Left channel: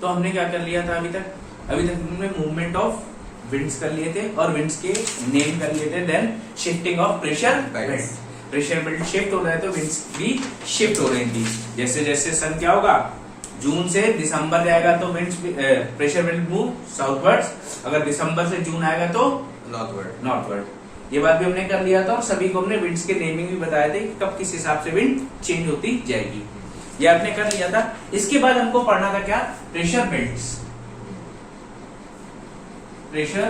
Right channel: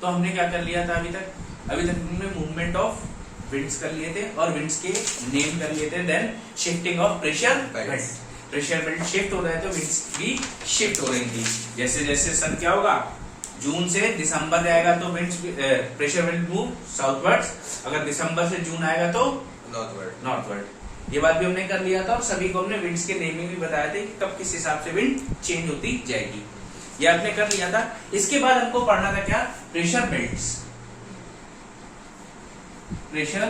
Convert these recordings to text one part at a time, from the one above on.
तो हमने क्या कर लिया था अभी तक हमने मूवमेंट ऑफ विंड्स कर लिए थे और विंड्स के नेम कर लिए थे। Then shifting of pressure belt, pressure belt shift हो रहे थे, विंड्स भी शिफ्ट हो रही थी। जैसे जैसे सन क्या होगा, जून से दिसंबर जाएगा तो winds pressure belt move southwards, अगर दिसंबर से जून आएगा तो नॉर्थवर्ड। ये बात भी हमने कर लिया था और सभी को हमने विंड्स के नेमिंग भी बताए थे कि कब किस हिसाब से विंड चेंज होती जाएगी, ये आपने कर लिया था। इसके बाद हमको पढ़ना था क्या, pressure belts, pressure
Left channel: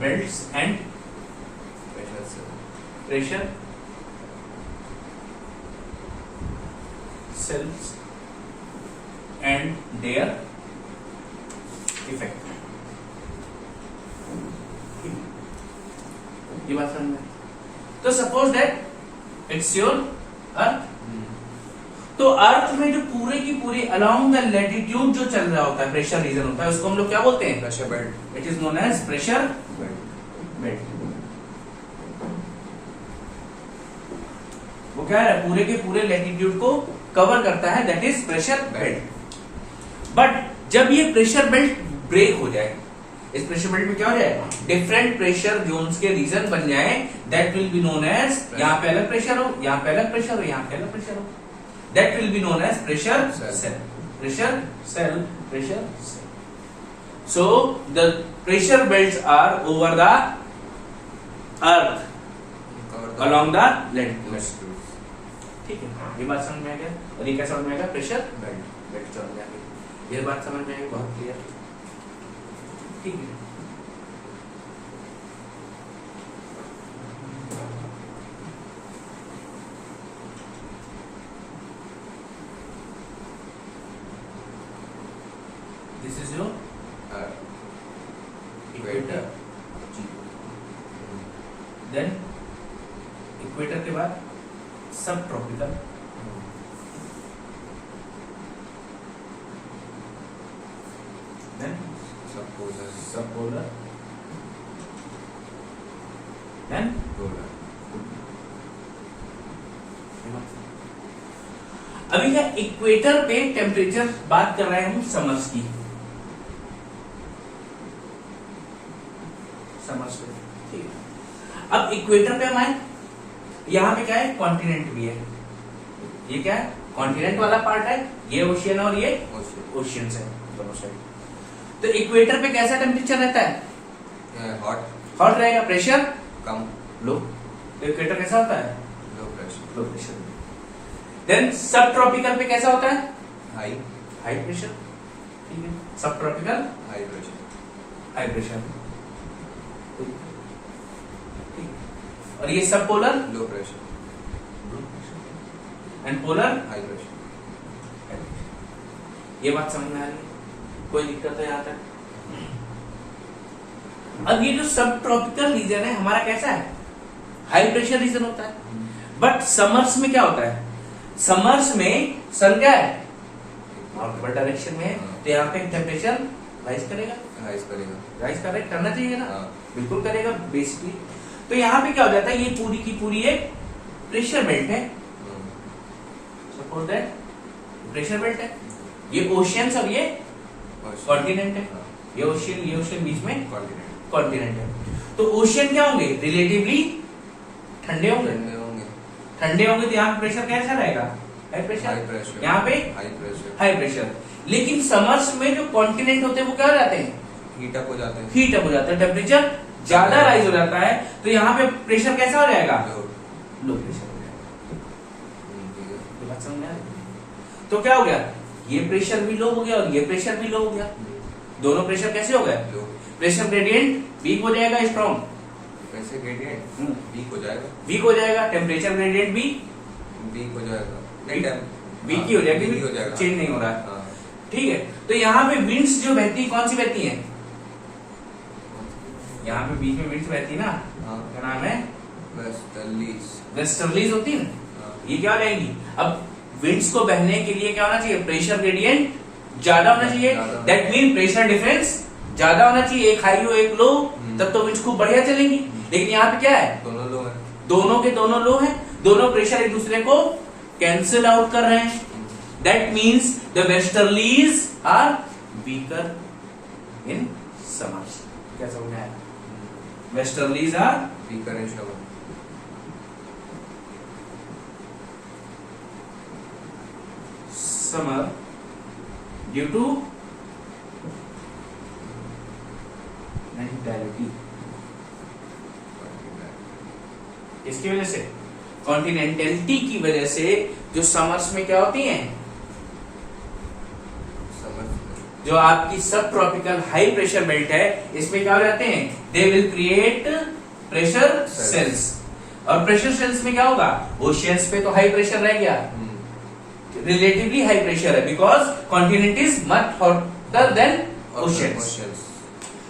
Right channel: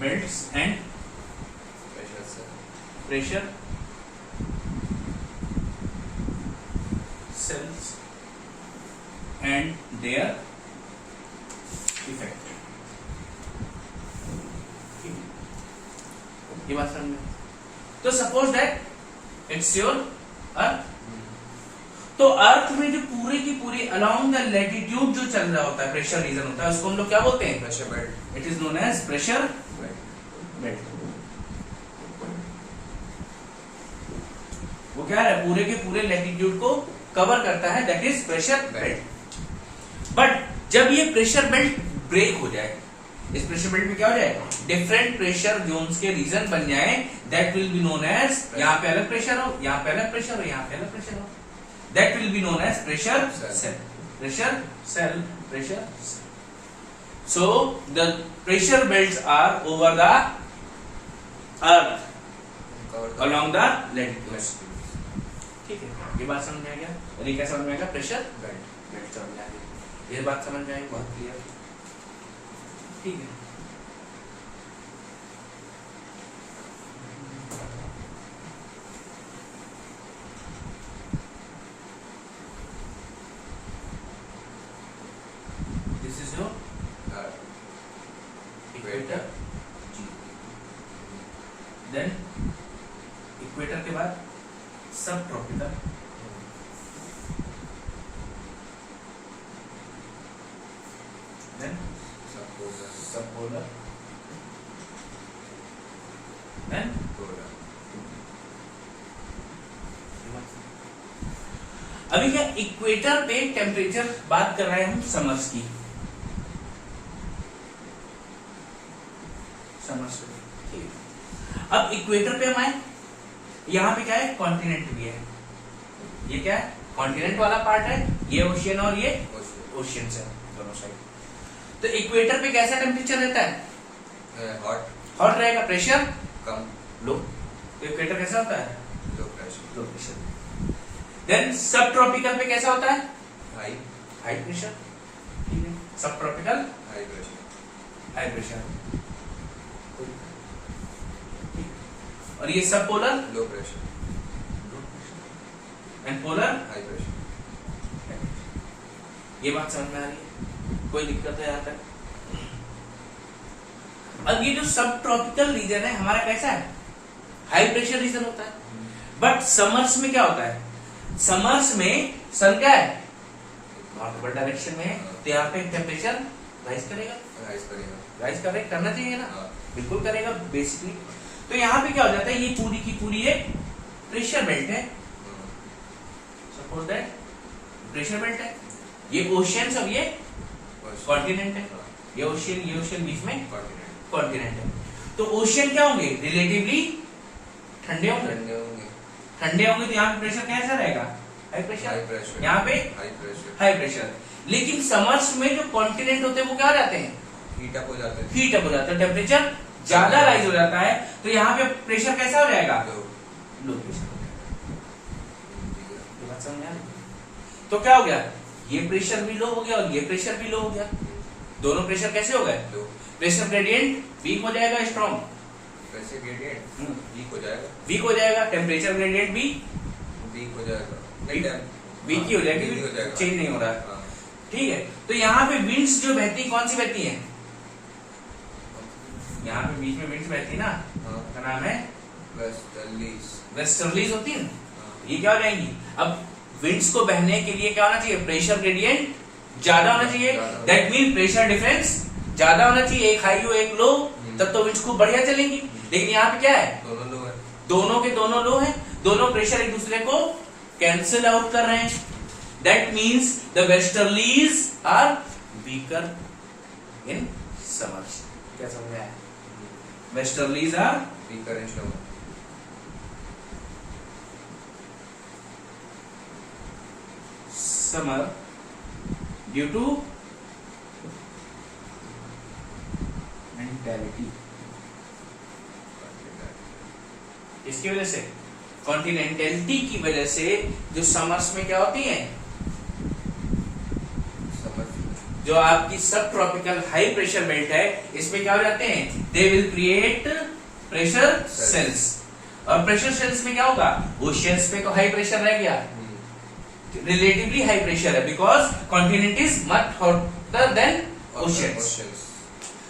belts and pressure cells and their effect. ये बात समझ में? तो suppose that it's your earth, तो अर्थ में जो पूरे की पूरी अलोंग द लैटिट्यूड जो चल रहा होता है, प्रेशर रीजन होता है, उसको हम लोग क्या बोलते हैं, pressure belt. It is known as pressure belt. वो क्या है, पूरे के पूरे लैटिट्यूड को कवर करता है, that is pressure belt. But जब ये प्रेशर बेल्ट ब्रेक हो जाए, इस प्रेशर बेल्ट में क्या हो जाए, डिफरेंट प्रेशर जोन्स के रीजन बन जाए, that will be known as, यहाँ पे अलग प्रेशर हो, यहाँ पे अलग प्रेशर हो, यहाँ पे अलग प्रेशर हो, that will be known as pressure cell, pressure cell, pressure cell. So the pressure belts are over the earth along the latitude। ठीक है, ये बात समझ में आ गया। और ये क्या समझ में आएगा, प्रेशर बेल्ट समझ में आ गया। ये बात समझ में आएगी, बहुत क्लियर। ठीक है, this is your equator. Then equator के बाद subtropical, then subpolar, then अभी क्या इक्वेटर पे टेम्परेचर बात कर रहे हैं हम समर्स की, समर्स पे। ठीक है, अब इक्वेटर पे हम आए, यहां पे क्या है, कॉन्टिनेंट भी है। ये क्या है, कॉन्टिनेंट वाला पार्ट है, ये ओशियन और ये ओशियन है दोनों साइड। तो इक्वेटर पे कैसा टेम्परेचर रहता है, हॉट रहेगा, प्रेशर कम, लो। तो इक्वेटर कैसा होता है, लो प्रेशर। देन सब ट्रॉपिकल पे कैसा होता है, हाई प्रेशर। ठीक है, सब ट्रॉपिकल हाई प्रेशर। और ये सब polar low pressure and polar high pressure. ये बात समझ में आ रही है, कोई दिक्कत है यहाँ तक? अब ये जो सब ट्रॉपिकल रीजन है हमारा कैसा है, हाई प्रेशर रीजन होता है। बट समर्स में क्या होता है, समर्स में सन क्या है, नॉर्थवर्ड डायरेक्शन में है, तो यहाँ पे टेम्परेचर राइज करेगा, करना चाहिए ना, बिल्कुल करेगा बेसिकली। तो यहाँ पे क्या हो जाता है, ये पूरी की पूरी एक प्रेशर बेल्ट है, सपोज दैट प्रेशर बेल्ट है, ये ओशियंस और ये कॉन्टिनेंट है, ये ओशियन बीच में कॉन्टिनेंट है। तो ओशियन क्या होंगे, रिलेटिवली ठंडे होंगे, तो यहाँ पे प्रेशर कैसा रहेगा, हाई प्रेशर, यहाँ पे हाई प्रेशर। लेकिन समर्स में जो कॉन्टिनेंट होते हैं वो क्या हो जाते हैं, हीट अप हो जाते हैं, टेम्परेचर ज्यादा राइज हो जाता है, तो यहाँ पे प्रेशर कैसा हो जाएगा, लो प्रेशर हो जाएगा। तो क्या हो गया, ये प्रेशर भी लो हो गया और ये प्रेशर भी लो हो गया, दोनों प्रेशर कैसे हो गए, प्रेशर ग्रेडियंट वीक हो जाएगा, स्ट्रॉन्ग प्रेशर ग्रेडियंट वीक हो जाएगा, टेम्परेचर ग्रेडियंट भी वीक हो जाएगा, वीक ही हो जाएगा, चेंज नहीं हो रहा। ठीक है, तो यहाँ पे विंड्स जो बहती कौन सी बहती है, यहाँ पे बीच में विंड्स बहती है ना, क्या नाम है, वेस्टर्लीज होती है ना, ये क्या हो जाएंगी। अब विंड्स को बहने के लिए क्या होना चाहिए, प्रेशर ग्रेडियंट ज्यादा होना चाहिए, दैट मीन प्रेशर डिफरेंस ज्यादा होना चाहिए, एक हाई हो एक लो, तब तो विंड्स खूब बढ़िया चलेंगी। लेकिन यहाँ पे क्या है, दोनों के दोनों लो है, दोनों प्रेशर एक दूसरे को कैंसिल आउट कर रहे हैं, That means the westerlies are weaker in summers. क्या समझ में आया? Westerlies are weaker in summer. summer due to mentality. इसकी वजह से कॉन्टिनेंटलिटी की वजह से जो समर्स में क्या होती हैं, जो आपकी सब ट्रॉपिकल हाई प्रेशर बेल्ट है, इसमें क्या हो जाते हैं, they will create pressure cells. और प्रेशर सेल्स में क्या होगा, ओशियंस पे तो हाई प्रेशर रह गया, रिलेटिवली हाई प्रेशर है, because continent is much hotter then oceans.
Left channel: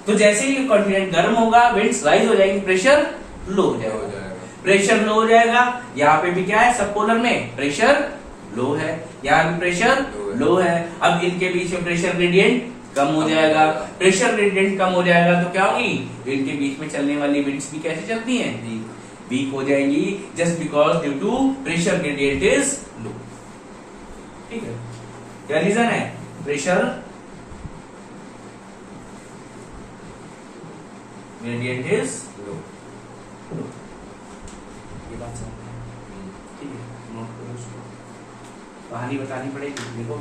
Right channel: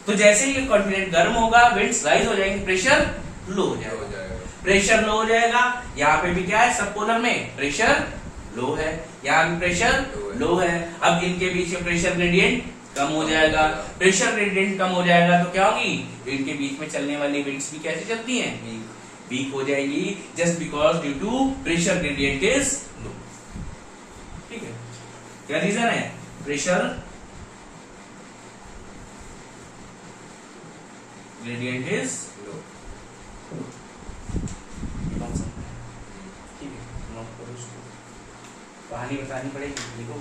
तो जैसे ही कॉन्टिनेंट गर्म होगा, विंड्स राइज हो जाएंगे, प्रेशर लो हो जाएगा. प्रेशर लो हो जाएगा. यहाँ पे भी क्या है, सब पोलर में प्रेशर लो है, यहाँ भी प्रेशर लो है. अब इनके बीच में प्रेशर ग्रेडियंट कम हो जाएगा. प्रेशर ग्रेडियंट कम हो जाएगा तो क्या होगी, इनके बीच में चलने वाली विंड्स भी कैसे चलती हैं, वीक हो जाएंगी, just because due to pressure gradient is low. ठीक है, क्या रीजन है, प्रेशर ग्रेडियंट इज लो. ये बात समझ में आया? ठीक है, नोट करो उसको, कहानी बतानी पड़ेगी. देखो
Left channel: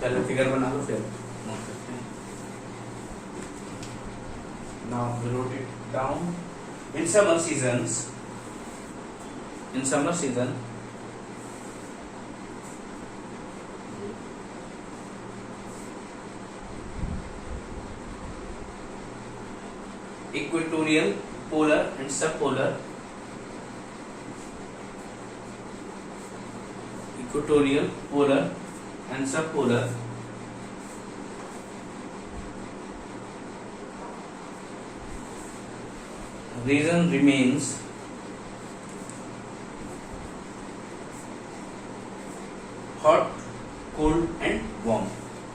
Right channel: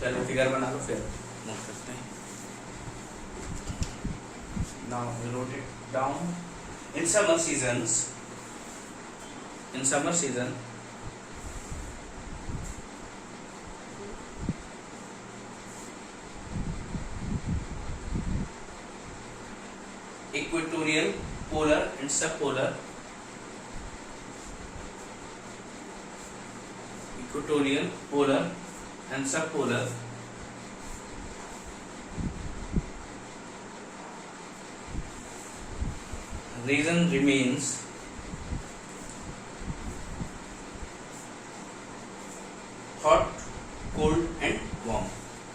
चलो फिगर बना लो, फिर नोट करते हैं. Now we wrote it down. In summer seasons, equatorial, polar and subpolar, equatorial, polar and subpolar region remains hot, cold and warm.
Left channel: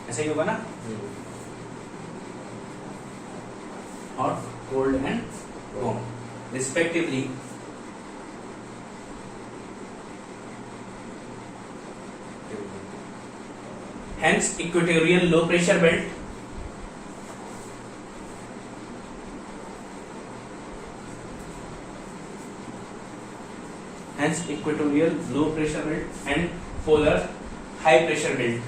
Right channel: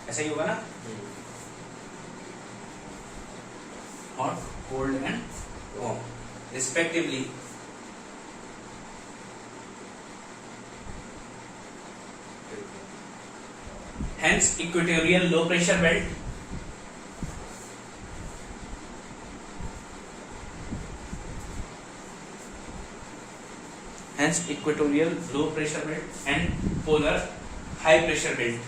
ऐसा ही होगा ना, hot, cold and warm respectively. Hence equatorial low pressure belt and polar high pressure belt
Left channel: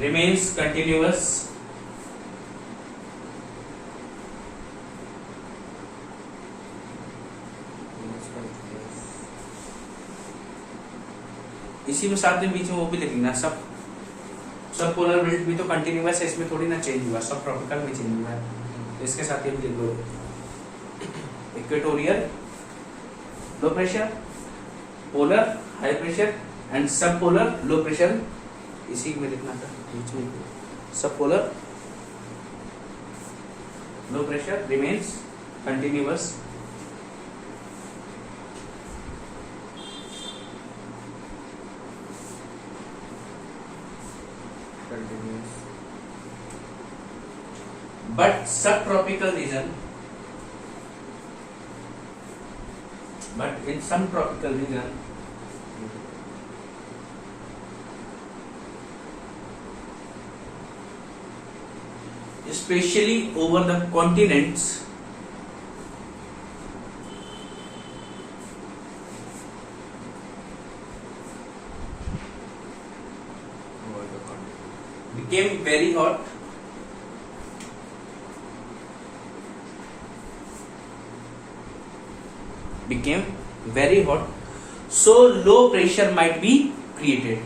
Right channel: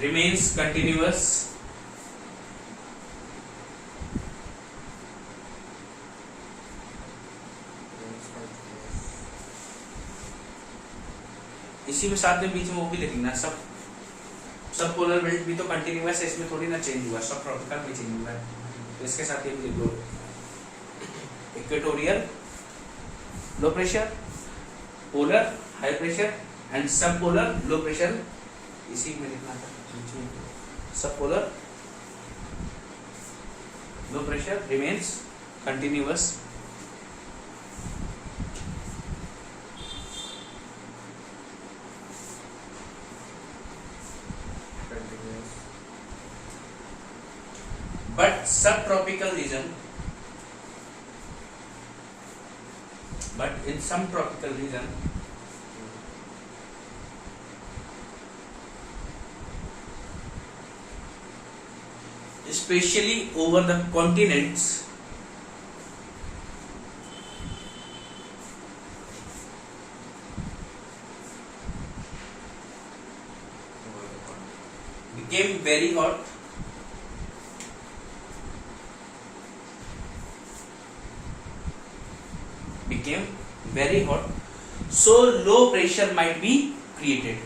remains continuous इसी में साथ में बीच में वो भी लिखना, सब पोलर बेल्ट भी तो कंटिन्यूअस है, इसमें थोड़ी ना चेंज हुआ, सब ट्रॉपिकल में चेंज हुआ है. इसके साथ ये भी लिख दो, equatorial low pressure, polar high pressure and सब पोलर लो प्रेशर. इसी में लिखना था, सब polar low pressure remains continuous but subtropical region, but in some tropical region especially over the continents became very hot so low pressure might be created.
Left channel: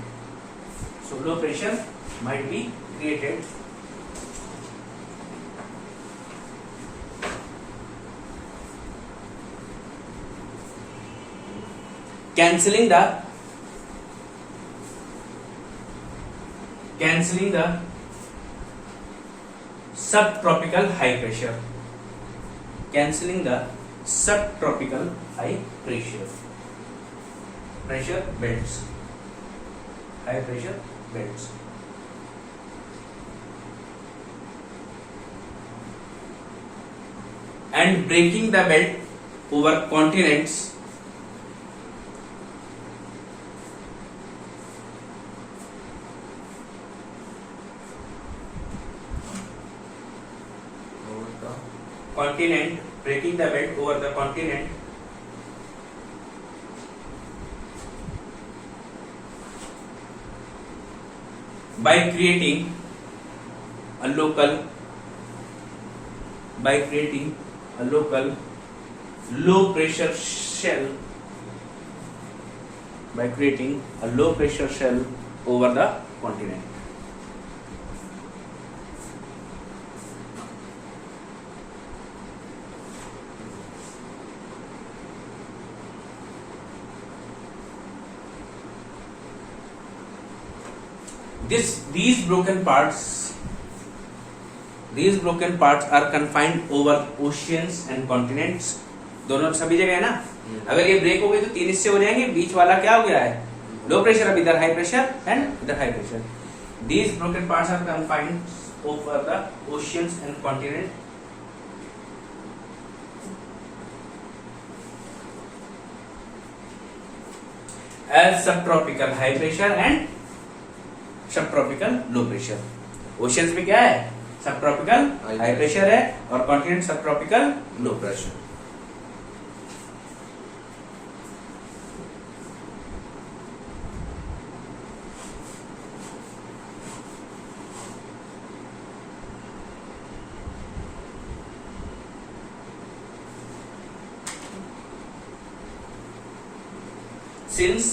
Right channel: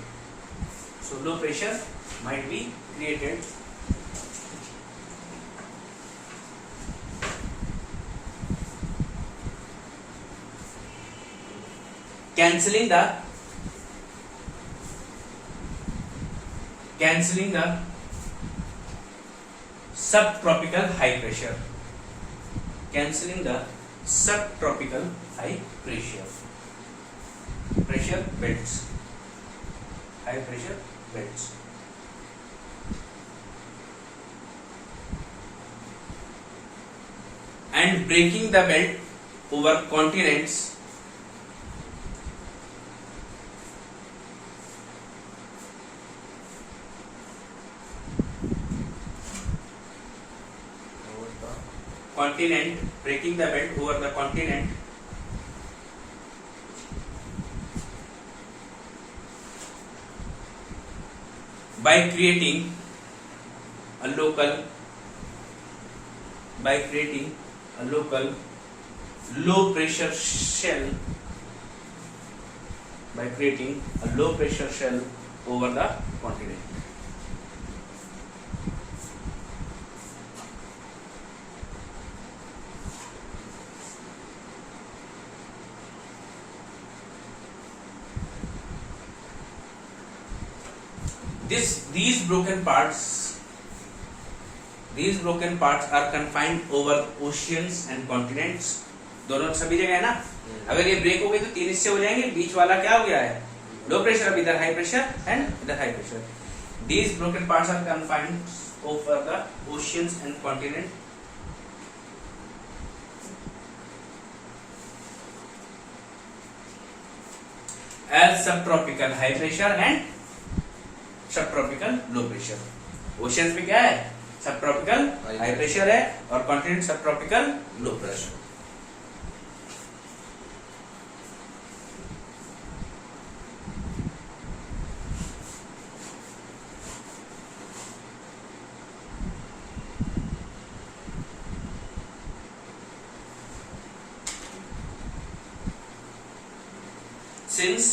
Cancelling the subtropical high pressure. Pressure belts, high pressure belts. and breaking the belt over continents breaking the belt over the continent by creating a local low pressure shell over the continent. These broken parts are confined over oceans and continents. दोनों सभी जगह है ना. अगर ये break हो गई तो 3 हिस्से हो जाएंगे. बीच वाला क्या हो गया है? लो प्रेशर. अब इधर हाई प्रेशर एंड इधर high pressure. These broken parts are confined over the oceans and continents. As subtropical high pressure and subtropical low pressure. Oceans में क्या है? सबट्रॉपिकल हाई प्रेशर है और continent subtropical low pressure. Since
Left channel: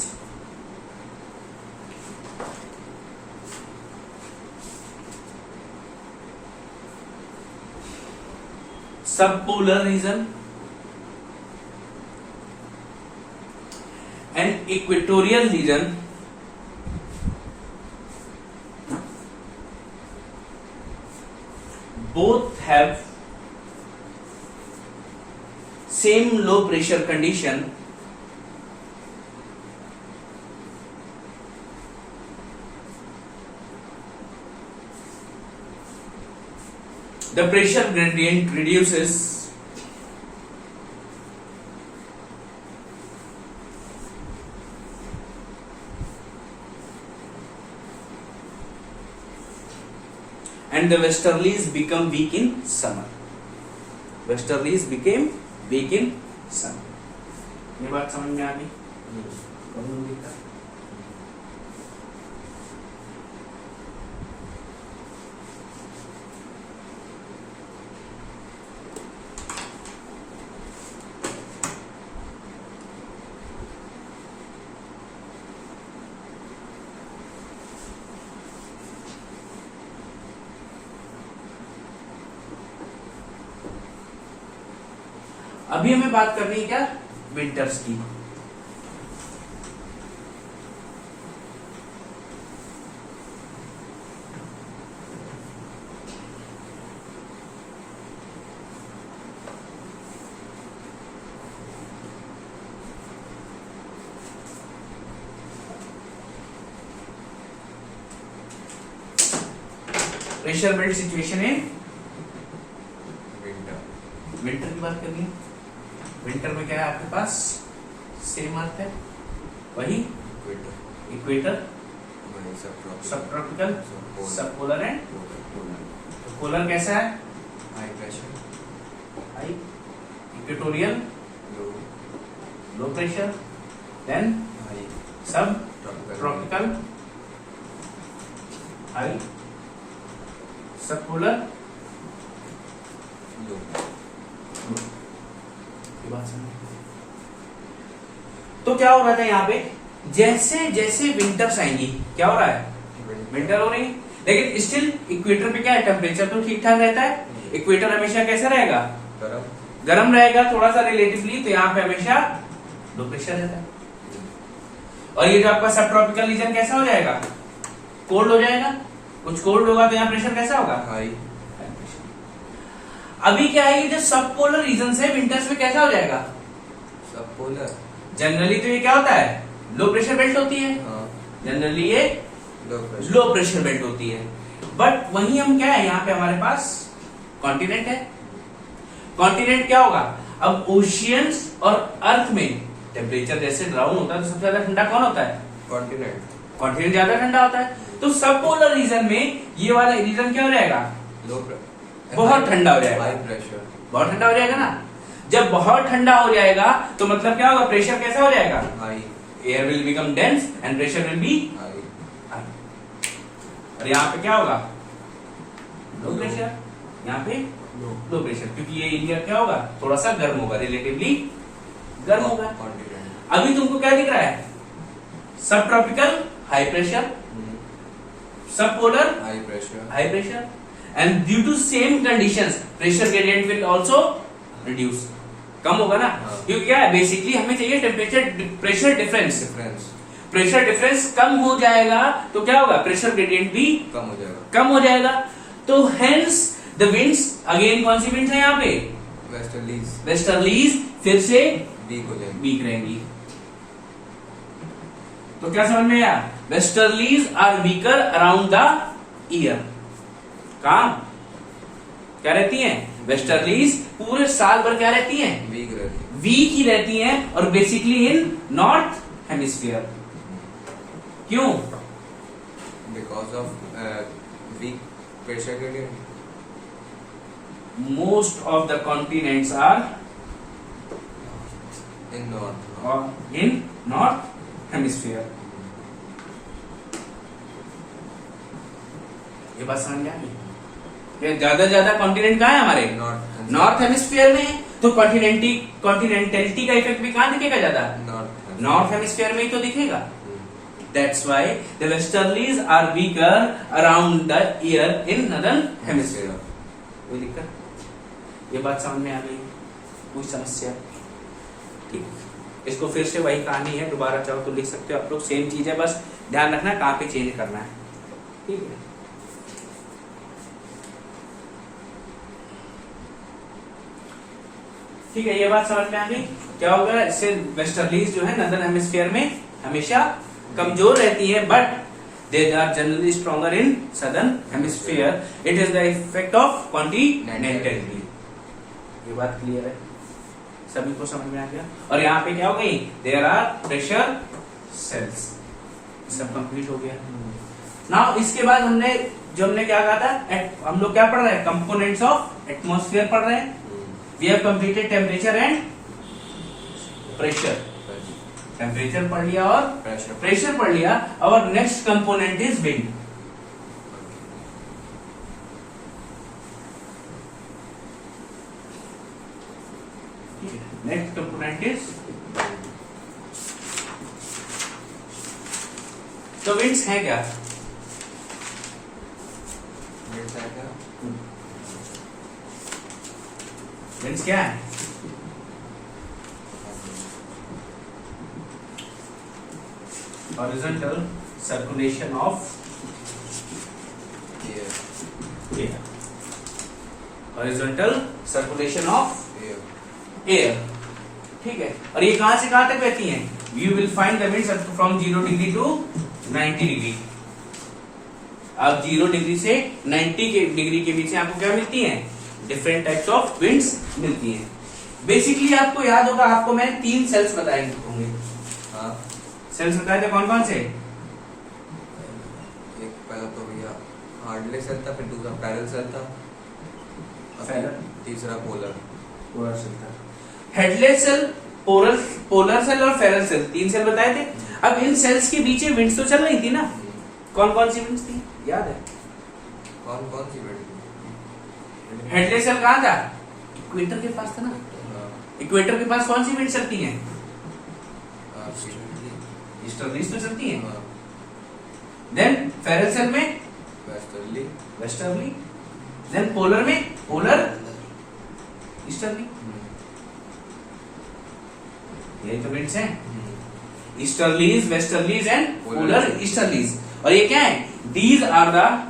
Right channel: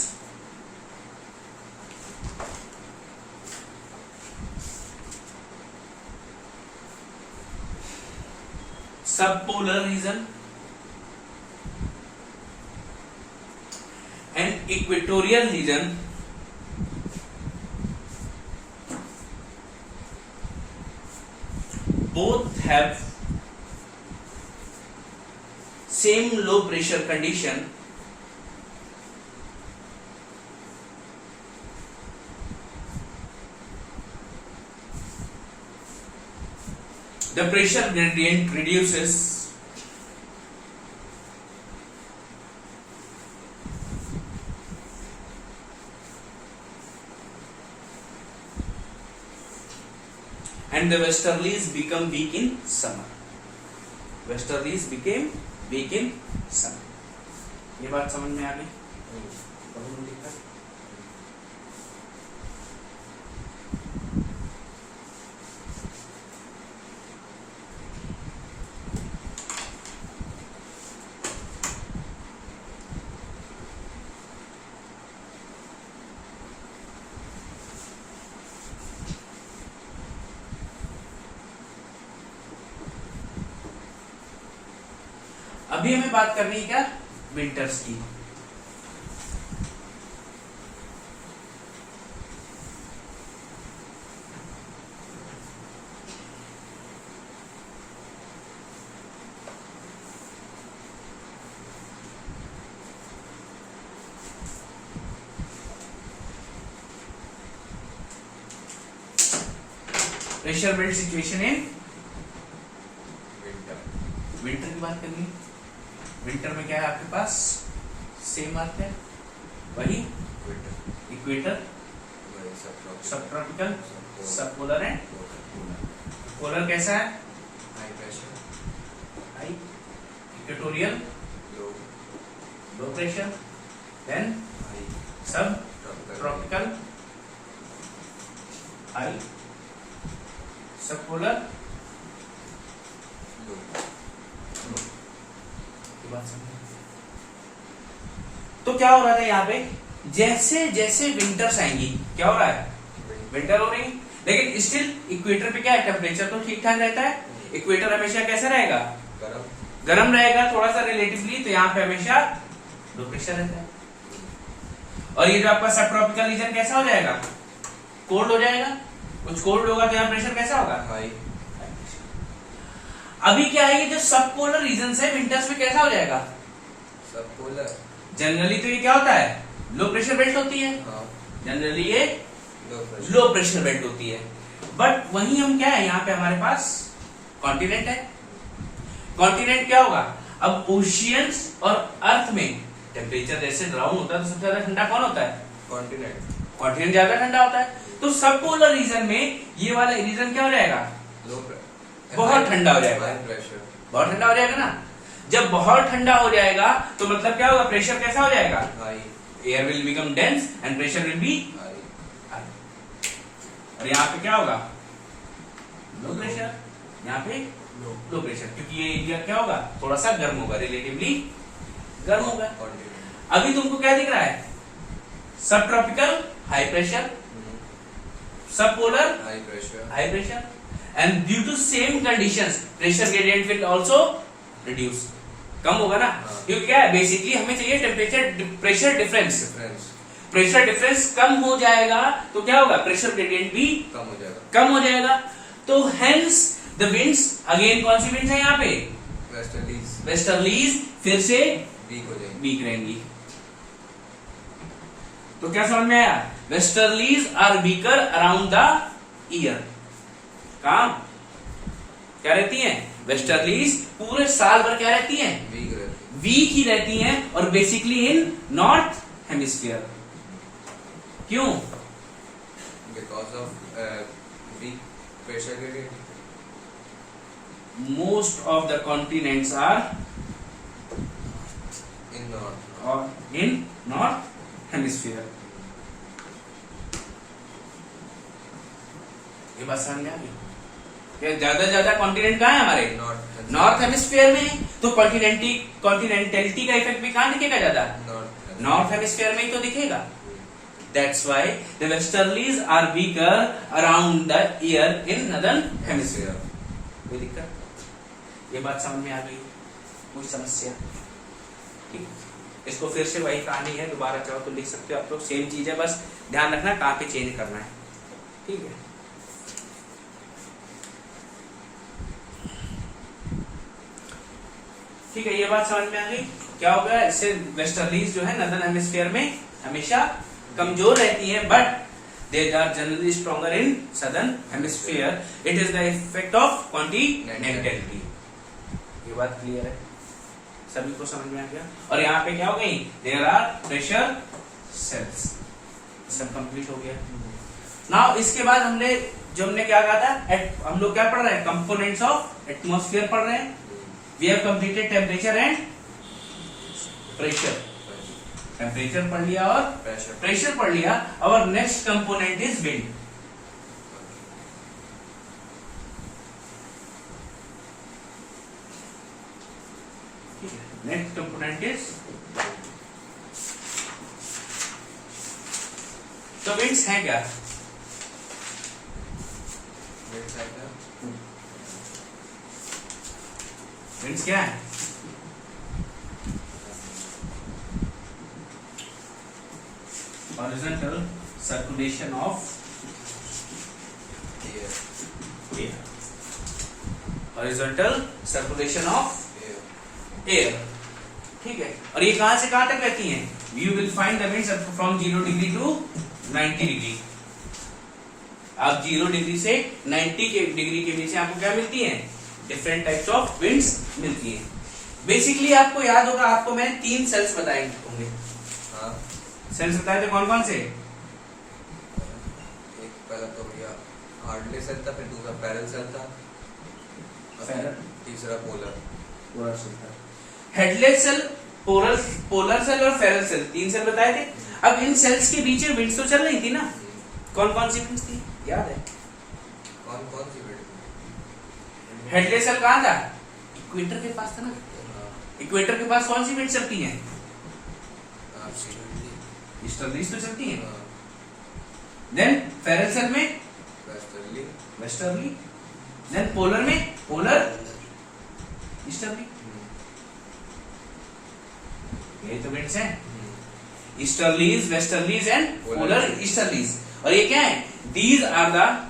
subpolar region and equatorial region both have same low pressure condition, the pressure gradient reduces and the westerlies become weak in summer. Westerlies became weak in summer. ये बात समझ में आ गई? अभी हमें बात करनी है क्या? विंटर्स की. प्रेशर बेल्ट सिचुएशन है. विंटर की बात करनी है. विंटर में क्या है आपके पास? सेम आता है वही equator, subtropical, subpolar and polar. Polar कैसा है? High pressure, high. Equatorial low pressure. Then subtropical high. Subpolar तो क्या हो रहा था यहाँ पे? जैसे जैसे विंटर्स आएंगी क्या हो रहा है? विंटर हो रही. लेकिन स्टिल इक्वेटर पे क्या है? टेम्परेचर तो ठीक ठाक रहता है. इक्वेटर हमेशा कैसा रहेगा? गर्म रहेगा थोड़ा सा रिलेटिवली. तो यहाँ पे हमेशा लो प्रेशर रहता है. और ये जो आपका सब ट्रॉपिकल रीजन कैसा हो जाएगा? कोल्ड हो जाएगा. कुछ कोल्ड होगा तो यहाँ प्रेशर कैसा होगा? हाई. अभी क्या है? ये जो सब पोलर रीजन है विंटर्स में कैसा हो जाएगा? सब पोलर. जनरली तो ये क्या होता है? लो प्रेशर बेल्ट होती है. जनरली ये लो प्रेशर बेल्ट होती है. बट वहीं हम क्या है? यहाँ पे हमारे पास कॉन्टिनेंट है. कॉन्टिनेंट क्या होगा? अब ओशियंस और अर्थ में टेम्परेचर जैसे डाउन होता है तो सबसे ज्यादा ठंडा कौन होता है? कॉन्टिनेंट। कॉन्टिनेंट ज्यादा ठंडा होता है। तो सब पोलर रीजन में ये वाला रीजन क्या हो जाएगा? बहुत ठंडा हो जाएगा, हाई प्रेशर। बहुत ठंडा हो जाएगा ना। जब बहुत ठंडा हो जाएगा तो मतलब क्या होगा? प्रेशर कैसा हो जाएगा? High. Air will become dense and pressure will be high. और यहाँ पे क्या होगा? Low pressure. यहाँ पे लो प्रेशर, क्योंकि ये एरिया क्या होगा? थोड़ा सा गर्म होगा, रिलेटिवली गर्म होगा। कॉन्टिनेंट। अभी तुमको क्या दिख रहा है? Subtropical high pressure, subpolar high pressure. High pressure, and due to same conditions pressure gradient will also reduce, कम होगा ना। हाँ। क्योंकि क्या है, बेसिकली हमें चाहिए temperature pressure difference. Difference pressure difference कम हो जाएगा तो क्या होगा? प्रेशर ग्रेडियंट भी कम हो जाएगा। कम हो जाएगा। तो हेंस द विंड्स, अगेन कौन सी विंड्स है यहाँ पे? वेस्टर्लीज वेस्टर्लीज फिर से वीक हो जाएगी। वीक रहेंगी। तो क्या समझ में आया? Westerlies are weaker around the year. काम क्या रहती हैं? वेस्टर्लीज पूरे साल भर क्या रहती हैं? वीक रहती वीक ही रहती हैं, और बेसिकली इन नॉर्थ हेमिस्फीयर। क्यों? Because of weak pressure gradient. Most of the continents are in north hemisphere. ये बात समझ में आ गई? ज्यादा ज्यादा कॉन्टिनेंट कहाँ है हमारे? नॉर्थ हेमिस्फीयर में। तो कॉन्टिनेंटलिटी का इफेक्ट भी कहाँ दिखेगा ज्यादा? नॉर्थ हेमिस्फीयर में ही तो दिखेगा। That's why the westerlies are weaker around the year in northern hemisphere. कोई दिक्कत? ये बात समझ में आ गई? कोई समस्या? ठीक, इसको फिर से वही कहानी है, दोबारा चाहो तो लिख सकते हो आप लोग, सेम चीज है, बस ध्यान रखना कहाँ पे चेंज करना है। ठीक है, ठीक है, ये बात समझ में आ गई? क्या होगा इससे? वेस्टर्लीज जो है नॉर्दर्न हेमिस्फीयर में हमेशा कमजोर रहती है, but they are generally stronger in southern hemisphere. It is the effect of continentality. ये बात क्लियर है? सभी को समझ में आ गया? और यहाँ पे क्या हो गई? There are pressure cells. सब कंप्लीट हो गया। नाउ इसके बाद हमने क्या कहा था? हम लोग क्या पढ़ रहे हैं? कंपोनेंट्स ऑफ एटमॉस्फेयर पढ़ रहे हैं। We have completed temperature and pressure. Temperature पढ़ लिया और प्रेशर पढ़ लिया। और next component is wind. Next component is, तो विंड्स है क्या? विंड्स क्या है? Horizontal circulation of air. Horizontal circulation of air. ठीक है, और ये कहां से कहां तक बहती हैं? You will find the winds from 0 degree to 90 degree. आप 0 डिग्री से 90 डिग्री के बीच में आपको क्या मिलती है? डिफरेंट टाइप्स ऑफ विंड्स मिलती हैं। बेसिकली आपको याद होगा, आपको मैं 3 सेल्स बताए होंगे। सेल्स बताए थे कौन कौन से? एक पहला तो भैया हार्डली सेल था, फिर दूसरा पैरल सेल था, तीसरा पोलर सेल था। हेडलेस सेल, पोलर सेल और फेरल सेल, 3 सेल बताए थे। अब इन सेल्स के बीच में विंड्स तो चल रही थी ना? कौन कौन सी विंड्स थी याद है? कौन कौन सी विंड? हेडलेस सेल कहाँ था? इक्वेटर के पास था ना। इक्वेटर के पास कौन सी विंड चलती है? ईस्टर्लीज तो चलती है। देन फेरल सेल में वेस्टर्ली। देन पोलर में पोलर ईस्टर्ली। ये तो विंड्स हैं, easterlies, westerlies and polar easterlies. और ये क्या है? These are the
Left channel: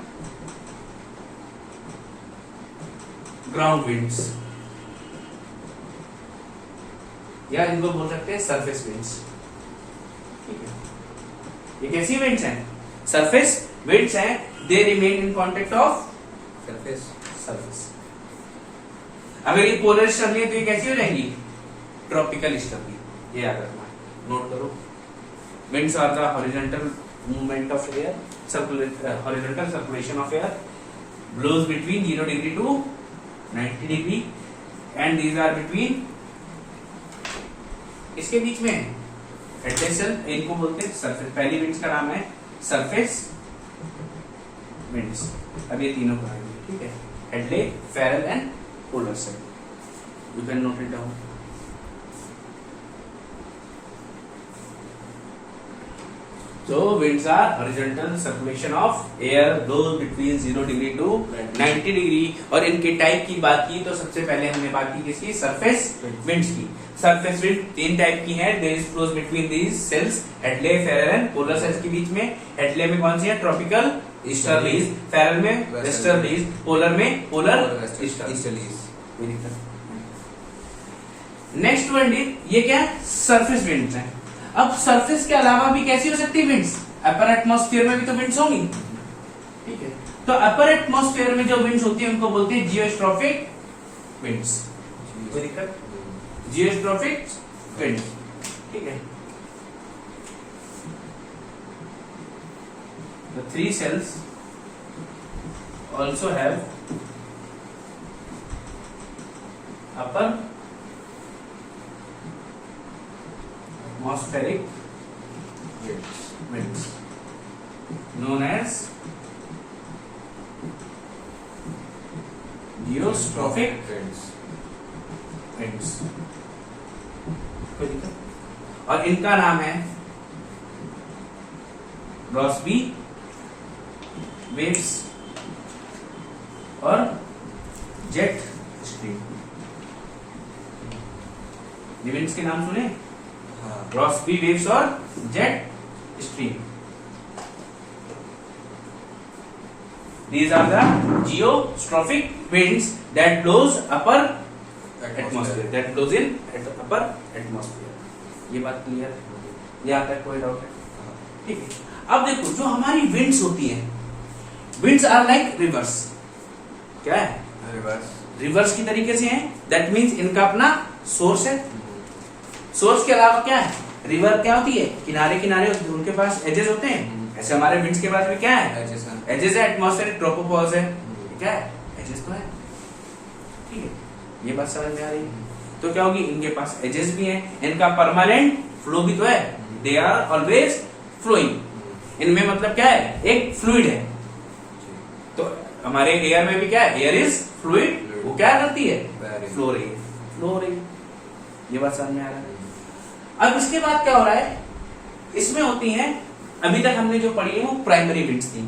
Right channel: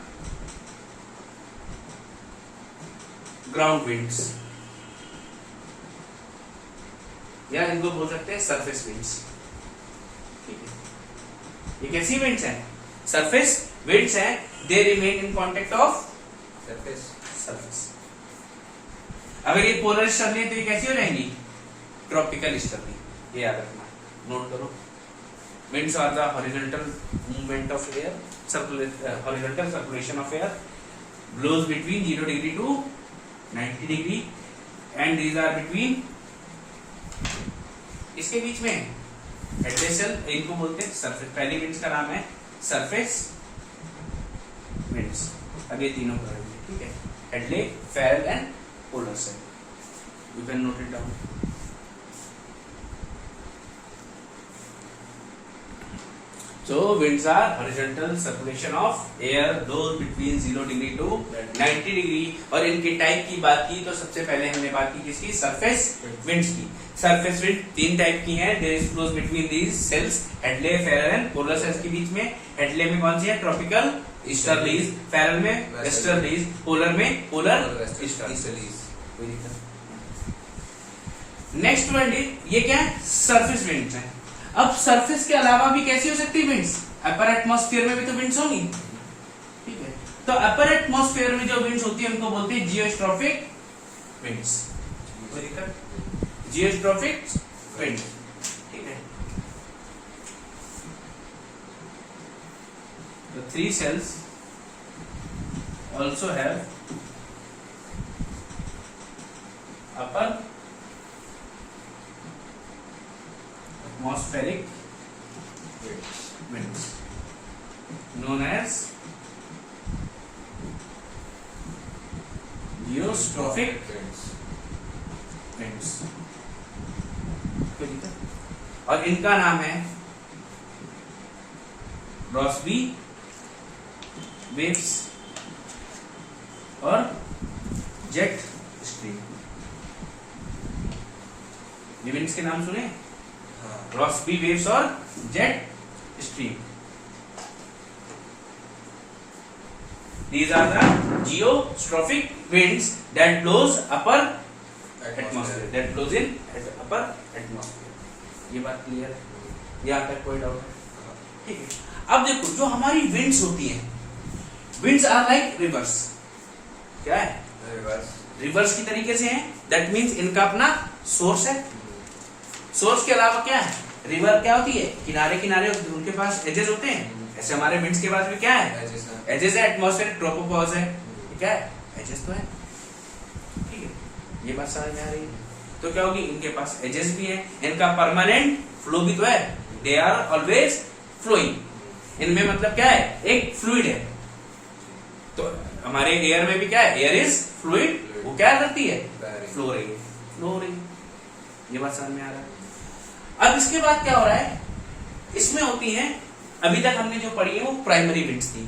ground winds, या इनको बोल सकते हैं सरफेस विंड्स। ठीक है, ये कैसी विंड्स हैं? सरफेस विंड्स हैं। They remain in contact of surface. अगर ये पोलर स्टर्ली है तो ये कैसी हो जाएंगी? Tropical easterly. ये याद रखना, नोट करो। Winds are the horizontal movement of air, horizontal circulation of air, blows between 0 degree to 90 degree and these are between, इसके बीच में एडजेसेंट, इनको बोलते हैं सरफेस। पहली विंड्स का नाम है सरफेस विंड्स। अब ये तीनों पढ़ेंगे, ठीक है? Hadley, Ferrel and polar cell. You can note it down. So winds are horizontal circulation of air, blows between 0 degree to 90 degree। और इनके टाइप की बात की तो सबसे पहले हमने बात की किसकी? सरफेस विंड्स की। सरफेस विंड तीन टाइप की है। There is flows between these cells, Hadley, Ferrel and polar cells के बीच में। हेडले में कौन सी है? ट्रॉपिकल ईस्टर्लीज, फेरल में वेस्टर्लीज, पोलर में पोलर ईस्टर्लीज। कोई दिक्कत? नेक्स्ट विंड, ये क्या है? सरफेस विंड्स है। अब सरफेस के अलावा भी कैसी हो सकती है विंड्स? अपर एटमॉस्फेयर में भी तो विंड्स होंगी, ठीक है? तो अपर एटमॉस्फेयर में जो विंड्स होती है उनको बोलते हैं जियोस्ट्रॉफिक विंड्स। कोई दिक्कत? जियोस्ट्रॉफिक विंड, ठीक है? The three cells also have upper atmospheric winds known as geostrophic winds। कोई दिक्कत? और इनका नाम है रॉसबी वेव्स और जेट स्ट्रीम। ये विंड्स के नाम सुने? रॉसबी वेव्स और jet stream. These are the geostrophic winds that blows upper atmosphere, that blows in upper atmosphere। ये बात क्लियर? यहाँ तक कोई डाउट है? ठीक है। अब देखो, जो हमारी विंड्स होती हैं, विंड्स आर लाइक रिवर्स। क्या है? रिवर्स की तरीके से है। दैट मीन्स इनका अपना सोर्स है। सोर्स के अलावा क्या है? रिवर क्या होती है? किनारे किनारे उनके पास एजेस होते हैं। ऐसे हमारे विंड्स के पास भी क्या है? एजेस है। एटमॉस्फेरिक ट्रोपोपॉज है। क्या है? एजेस तो है, ठीक है? ये बात समझ में आ रही है? तो क्या होगी? इनके पास एजेस भी है, इनका परमानेंट फ्लो भी तो है। They are always flowing. इनमें मतलब क्या है? एक फ्लूइड है। तो हमारे एयर में भी क्या है? Air is fluid. वो क्या करती है? फ्लो हो रही है, फ्लो हो रही है। ये बात समझ में आ रहा है? अब इसके बाद क्या हो रहा है? इसमें होती हैं, अभी तक हमने जो पढ़ी है वो प्राइमरी विंड्स थी।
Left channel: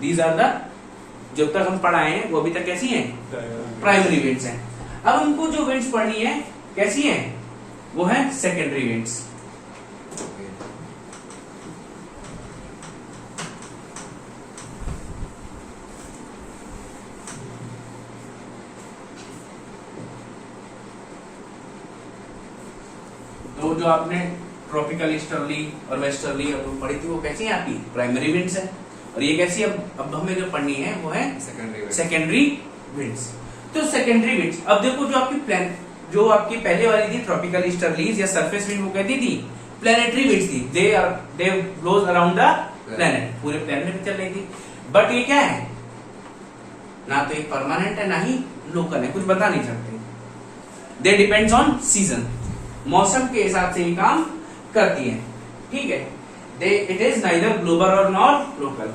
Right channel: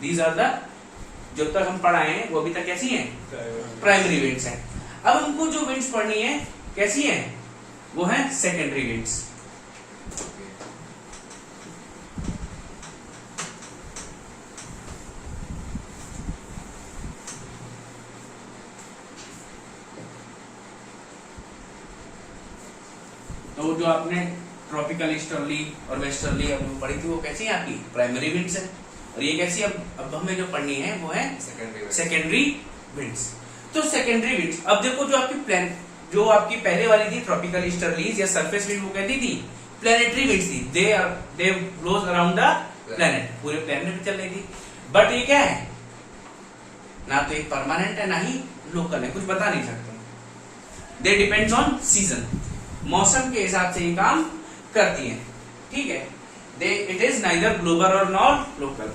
दीज आर द, जब तक हम पढ़ाए हैं वो अभी तक कैसी हैं? प्राइमरी विंड्स हैं। अब हमको जो विंड्स पढ़नी है कैसी हैं? वो है सेकेंडरी विंड्स। तो जो आपने ट्रॉपिकल ईस्टर्ली और वेस्टर्ली पढ़ी थी वो कैसी है? आपकी प्राइमरी विंड्स है। और ये कैसी? अब हमें जो पढ़नी है वो है सेकेंडरी विंड्स। तो सेकेंडरी विंड्स, अब देखो, जो आपकी जो आपकी पहले वाली थी ट्रॉपिकल ईस्टर्लीज या सरफेस विंड, वो कहती थी प्लैनेटरी विंड्स थी। दे ब्लोज अराउंड द प्लैनेट, पूरे प्लैनेट में चल रही थी। बट ये क्या है? ना तो एक परमानेंट है, ना ही लोकल है, कुछ बता नहीं सकते। दे डिपेंड्स ऑन सीजन, मौसम के हिसाब से ये काम करती है, ठीक है? इट इज नाइदर ग्लोबल और nor local.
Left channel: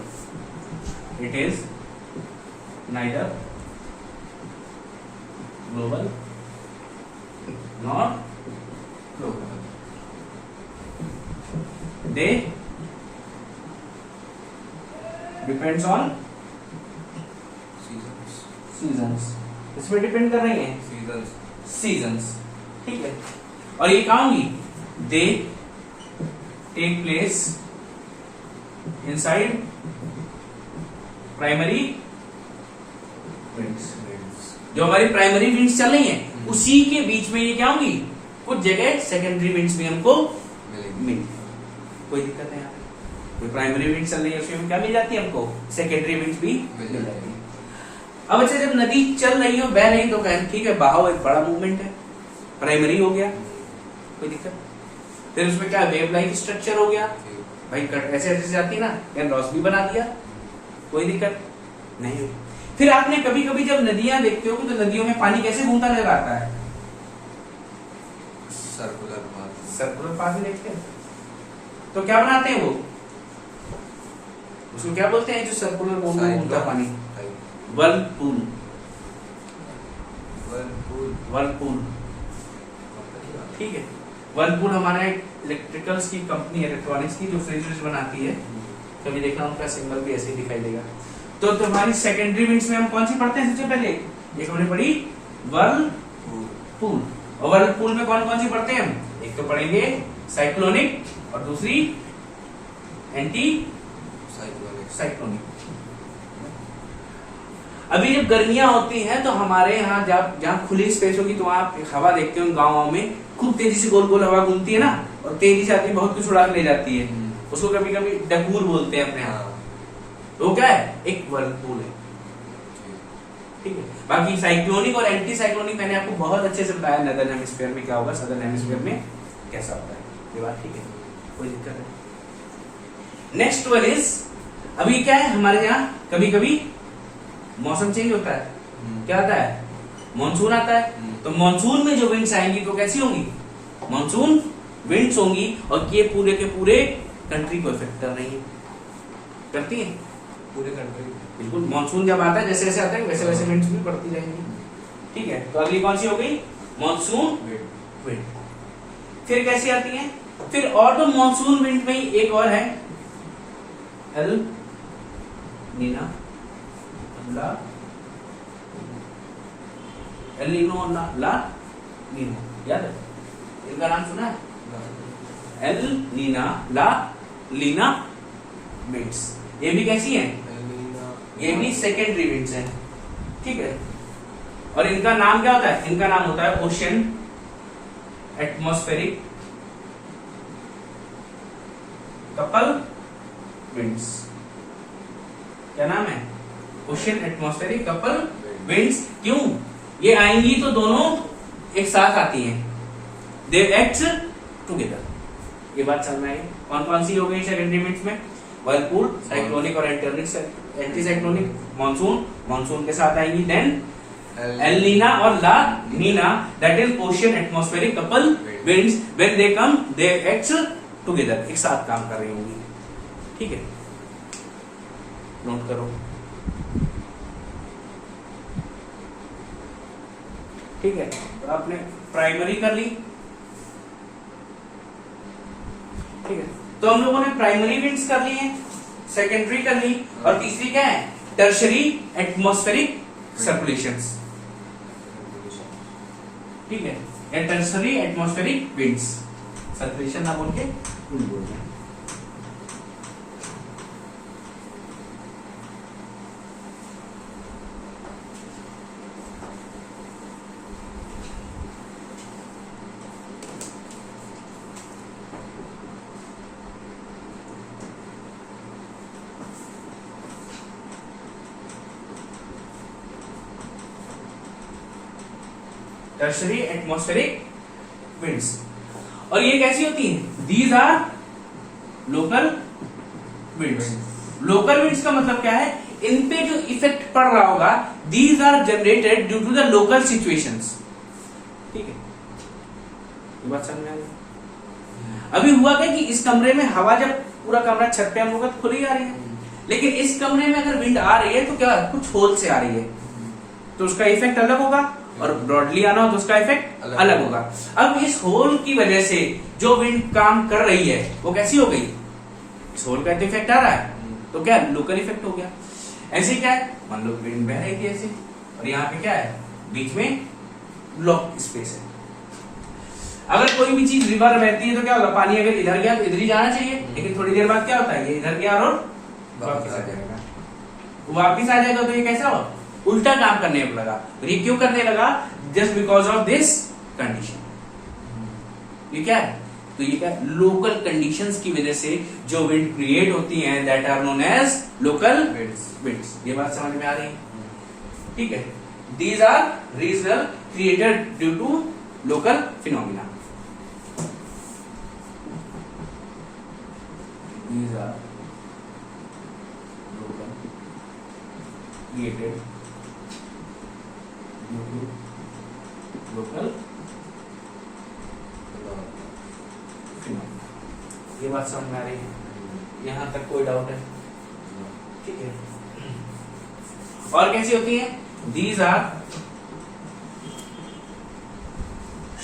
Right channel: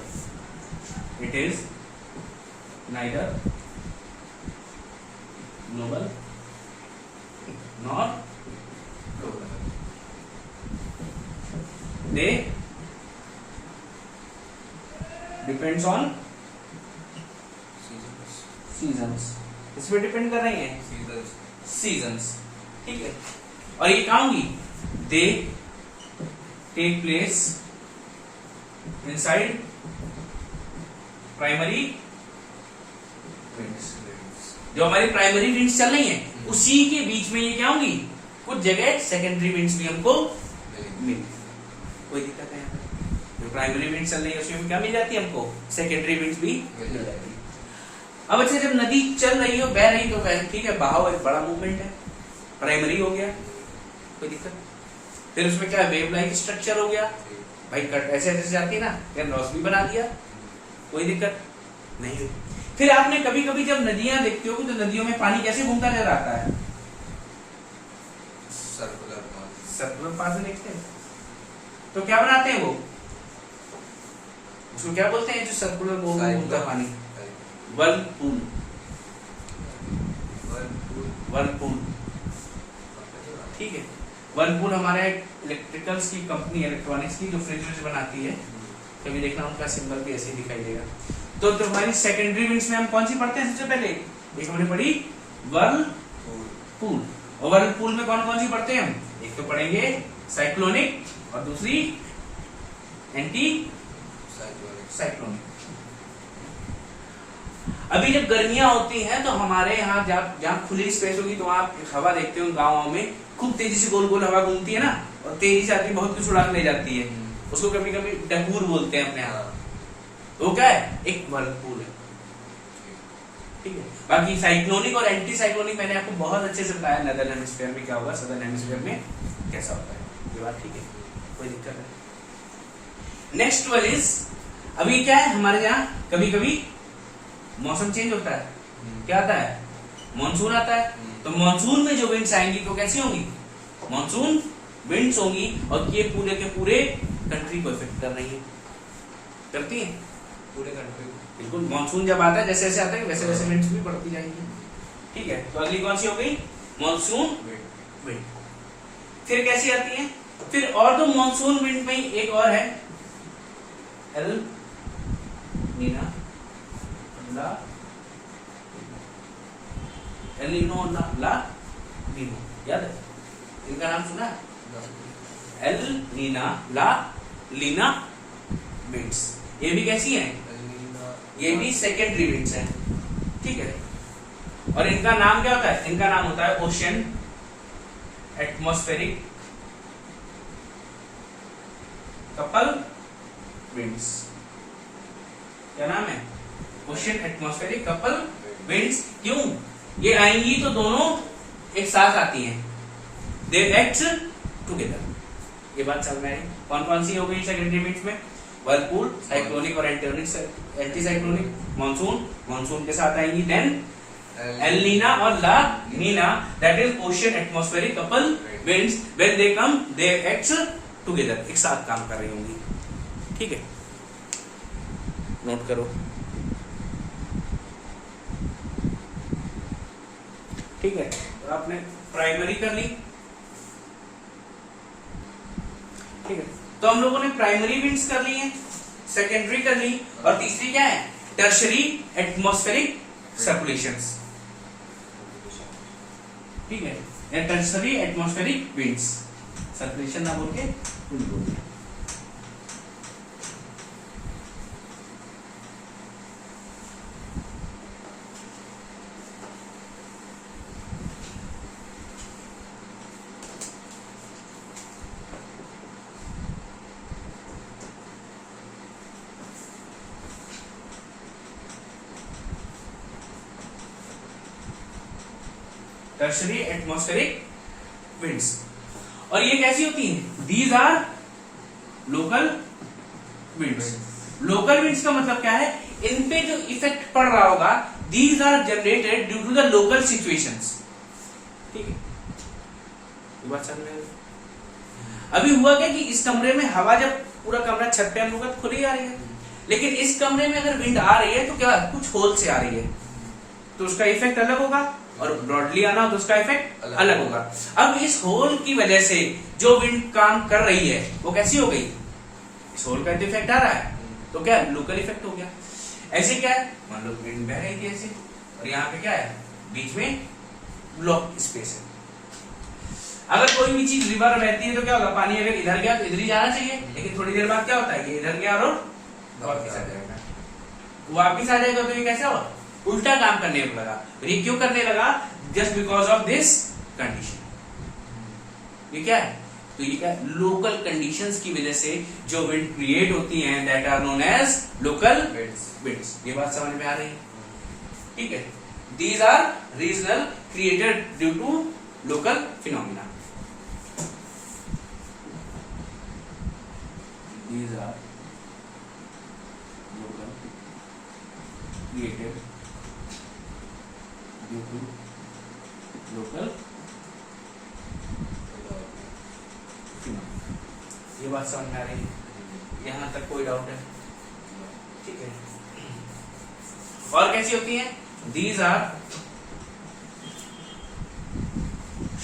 It is neither global nor local. They depends on seasons. इसमें डिपेंड कर रही है सीजन्स, ठीक है? और ये कहाँ होंगी? They take place inside primary winds. जो हमारी प्राइमरी विंड्स चल रही हैं उसी के बीच में ये क्या होंगी? कुछ जगह सेकेंडरी विंड्स भी हमको मिल। कोई दिक्कत है यहाँ पे? जो प्राइमरी विंड्स चल रही है उसमें क्या मिल जाती है हमको? सेकेंडरी विंड्स भी मिल जाती है। अब अच्छा जब नदी चल रही हो, बह रही, तो कहते ठीक है बहाव एक बड़ा मूवमेंट है, प्राइमरी हो गया, कोई दिक्कत। फिर उसमें क्या वेव लाइक स्ट्रक्चर हो गया, भाई कट ऐसे ऐसे जाती ना, या लॉस भी बना दिया, कोई दिक्कत नहीं। फिर आपने कभी कभी जब नदियां देखते हो तो नदियों में पानी कैसे घूमता नजर आता है, सर्कुलर पाथ में देखते हैं, तो क्या बनाते हैं वो, उसको क्या बोलते हैं जो सर्कुलर घूमता पानी, वर्लपूल, वर्लपूल, ठीक है। वर्लपूल हमारा एक इलेक्ट्रिकल्स की कंपनी है, इलेक्ट्रॉनिक्स की, जो फ्रिज बनाती है, कभी देखना उनका सिंबल भी ऐसे ही दिखाई देगा। तो तुम्हारी सेकेंडरी विंड्स में हम कौन सी पढ़ते हैं सबसे पहले, एक हमने पढ़ी वर्लपूल, और वर्लपूल में कौन कौन सी पढ़ते हैं हम, एक तो पढ़ेंगे साइक्लोनिक और दूसरी एंटी साइक्लोनिक। अभी जब गर्मियां होती हैं तो हमारे यहाँ जहाँ खुली स्पेस होगी तो आप हवा देखते हो गाँव में खूब तेजी से गोल गोल हवा घूमती है ना, और तेजी से आती है, बहुत कुछ उड़ा के ले जाती है, उसको कभी कभी डकूर बोलते हैं अपने यहाँ, तो क्या है एक वर्लपूल है, ठीक है। बाकी साइक्लोनिक और एंटी साइक्लोनिक मैंने आपको बहुत अच्छे से बताया, नदर्न हेमिस्फीयर में क्या होगा, सदर्न हेमिस्फीयर में कैसा होता है, ये बात ठीक है, कोई दिक्कत नहीं। नेक्स्ट वन इज, अभी क्या है हमारे यहाँ कभी कभी मौसम चेंज होता है, क्या आता है, मानसून आता है, तो मानसून में जो विंड्स आएंगी तो कैसी होंगी, मानसून विंड्स होंगी, और ये पूरे के पूरे कंट्री को इफेक्ट कर रही है, करती है पूरे कंट्री, बिल्कुल। मानसून जब आता है जैसे जैसे आता है वैसे वैसे विंड्स भी बढ़ती जाएंगी, ठीक है। तो अगली कौन सी हो गई, मानसून विंड। फिर कैसी आती है, फिर और तो मानसून विंड में ही एक और है एल नीना, एल नीनो, ला नीनो, याद है इनका नाम सुना है, एल नीना, ला लीना विंड्स, ये भी कैसी हैं, ये भी सेकेंडरी विंड्स हैं, ठीक है। और इनका नाम क्या होता है, इनका नाम होता है ओशन एटमॉस्फेरिक कपल विंड्स, क्या नाम है, ओशन एटमॉस्फेरिक कपल विंड्स। क्यों, ये आएंगी तो दोनों एक साथ आती हैं, दे एक्ट टुगेदर, ये बात समझ में आई। कौन कौन सी हो गई सेकेंडरी विंड्स में, वर्लपूल, साइक्लोनिक और एंटी साइक्लोनिक, मानसून, मानसून के साथ आएंगी, देन एल नीना और La Nina, that is ocean atmospheric couple winds, when they come they act together, एक साथ काम कर रही होंगी, ठीक है, नोट करो, ठीक है। तो आपने प्राइमरी कर ली, ठीक है, तो हम लोगों ने प्राइमरी विंड्स कर ली है, सेकेंडरी कर ली, और तीसरी क्या है, टर्शरी एटमॉस्फेरिक सर्कुलेशंस, ठीक है, या टर्शरी एटमॉस्फेरिक विंड्स, सर्कुलेशन ना बोल के बोलना। टर्शरी एटमॉस्फेरिक विंड्स, और ये कैसी होती हैं, these are local winds. Local winds का मतलब क्या है, इन पे जो इफेक्ट पड़ रहा होगा, these are generated due to the local situations, ठीक है, ये बात समझ में आई। अभी हुआ क्या कि इस कमरे में हवा, जब पूरा कमरा छत पे हम लोग खुली आ रही है, लेकिन इस कमरे में अगर विंड आ रही है तो क्या कुछ होल से आ रही है, तो उसका इफेक्ट अलग होगा, और ब्रॉडली आना हो तो उसका इफेक्ट अलग होगा। अब इस होल की वजह से जो विंड काम कर रही है वो कैसी हो गई, इस होल का इफेक्ट आ रहा है, तो क्या लोकल इफेक्ट हो गया। ऐसे क्या है, मान लो विंड बह रही थी ऐसे, और यहाँ पे क्या है, बीच में ब्लॉक स्पेस है। अगर कोई भी चीज रिवर बहती है तो क्या होगा, पानी अगर इधर गया तो इधर ही जाना चाहिए, लेकिन थोड़ी देर बाद क्या होता है, ये इधर गया और वापिस आ जाएगा, वापिस आ जाएगा, तो ये कैसा हो, उल्टा काम करने लगा। ये क्यों करने लगा, just because of this condition. ये क्या है, तो ये क्या, लोकल कंडीशंस की वजह से जो विंड क्रिएट होती हैं, that are known as local winds. ये बात समझ में आ रही है, ठीक है, these are regional created due to local phenomena. These are local created due to local phenomena. ये बात समझ में आ रही है? यहां तक कोई डाउट है? ठीक है। और कैसी होती है? These are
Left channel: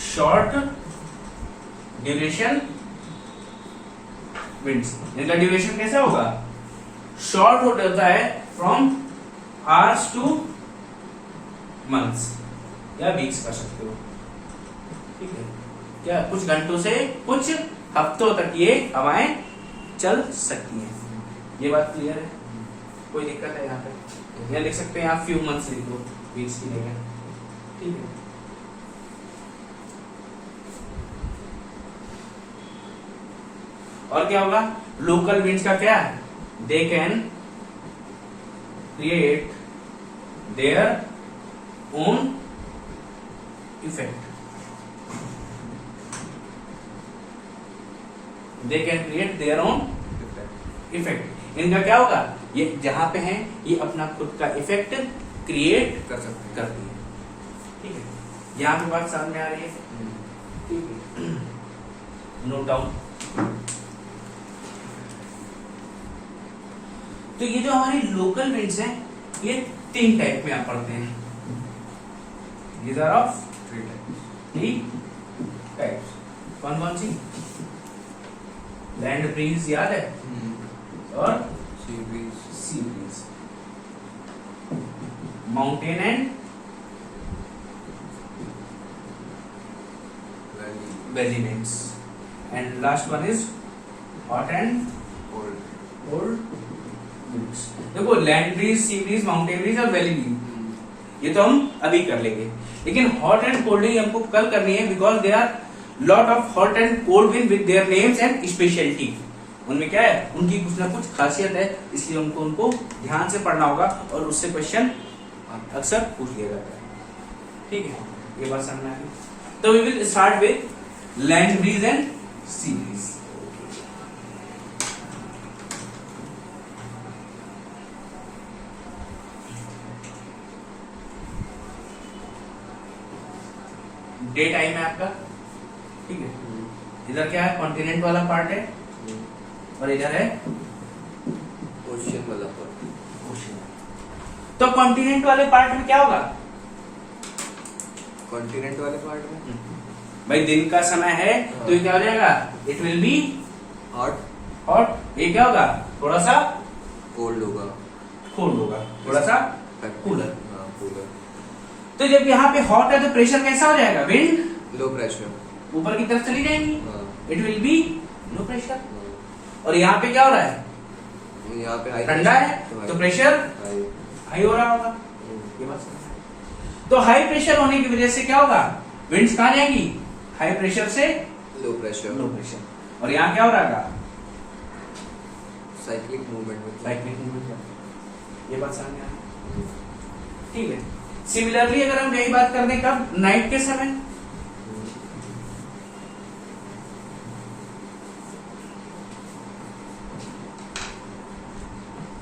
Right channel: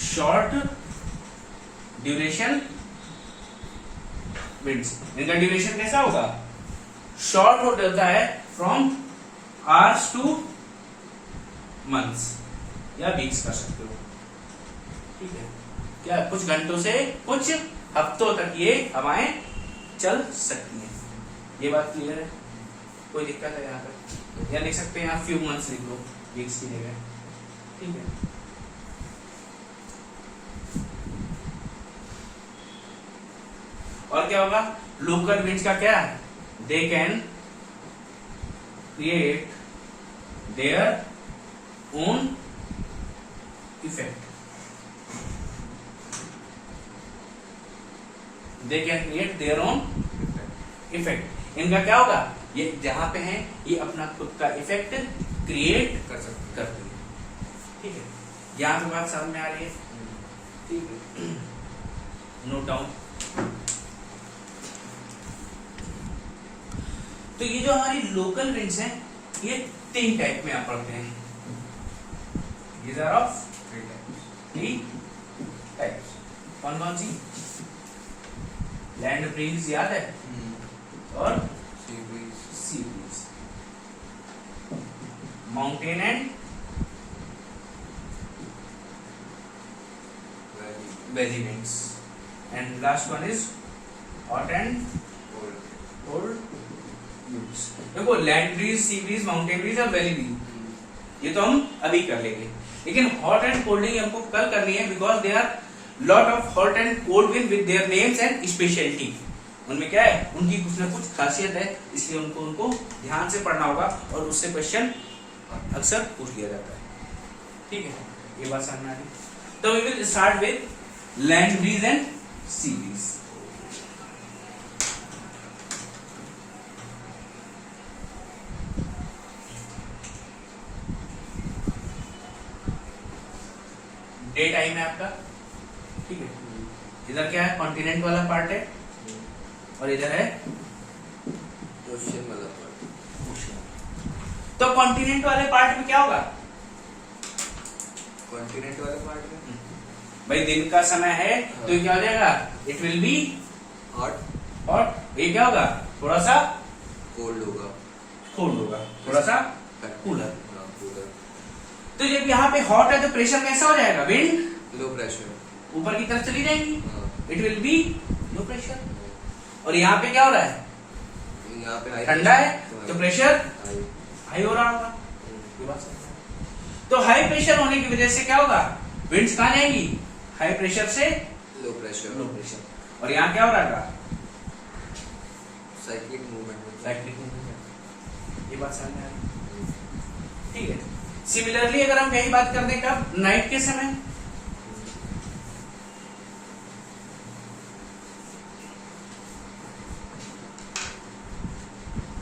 short duration winds. इनका ड्यूरेशन कैसा होगा? शॉर्ट होता है फ्रॉम आवर्स टू मंथ्स या वीक्स कर सकते हो। ठीक है, क्या कुछ घंटों से कुछ हफ्तों तक ये हवाएं चल सकती हैं। ये बात क्लियर है? कोई दिक्कत है यहाँ पे? या लिख सकते हैं आप फ्यू मंथ्स लिख दो, वीक्स की जगह। ठीक है, और क्या होगा? लोकल विंड्स का क्या है? They can create their own effect. They can create their own effect. इनका क्या होगा? ये जहां पे हैं ये अपना खुद का इफेक्ट क्रिएट कर सकते करती है। ठीक है, यहां पे बात समझ में आ रही है? ठीक है, नोट डाउन। तो ये जो हमारी लोकल विंड्स हैं ये 3 टाइप में आप पढ़ते हैं। These are of 3 types। कौन कौन सी? लैंड ब्रीज याद है, और sea breeze, mountain and valley winds, and last one is hot and cold winds. देखो, land breeze, sea breeze, mountain breeze और वैली ब्रीज ये तो हम अभी कर लेंगे, लेकिन हॉट एंड कोल्ड ही हमको कल करनी है, because they are lot of hot and cold wind with their names and speciality. उनमें क्या है? उनकी कुछ ना कुछ खासियत है, इसलिए उनको ध्यान से पढ़ना होगा और उससे क्वेश्चन अक्सर पूछ लिया जाता है। ठीक है, ये बात समझ में आ गई? तो we will start with land breeze and sea breeze. Day time है आपका। ठीक है, इधर क्या है? कॉन्टिनेंट वाला पार्ट है और इधर है ओशियन वाला पार्ट। ओशियन। तो कॉन्टिनेंट वाले पार्ट में क्या होगा? कॉन्टिनेंट वाले पार्ट में भाई दिन का समय है तो ये क्या हो जाएगा? It will be hot. Hot. ये क्या होगा? थोड़ा सा कोल्ड होगा। कोल्ड होगा, थोड़ा सा कूलर। कूलर। तो जब यहाँ पे हॉट है तो प्रेशर कैसा हो जाएगा? विंड लो प्रेशर ऊपर की तरफ चली जाएगी। It will be low pressure. और यहाँ पे क्या हो रहा है? यहाँ पे ठंडा है तो प्रेशर हाई हो रहा होगा। ये बात समझ। तो हाई प्रेशर होने की वजह से क्या होगा? विंड्स कहाँ जाएंगी? हाई प्रेशर से लो प्रेशर। लो प्रेशर। और यहाँ क्या हो रहा है? Cyclic movement. Cyclic movement. ये बात समझ में आ रही? ठीक है। सिमिलरली अगर हम यही बात कर दें कब? नाइट के समय।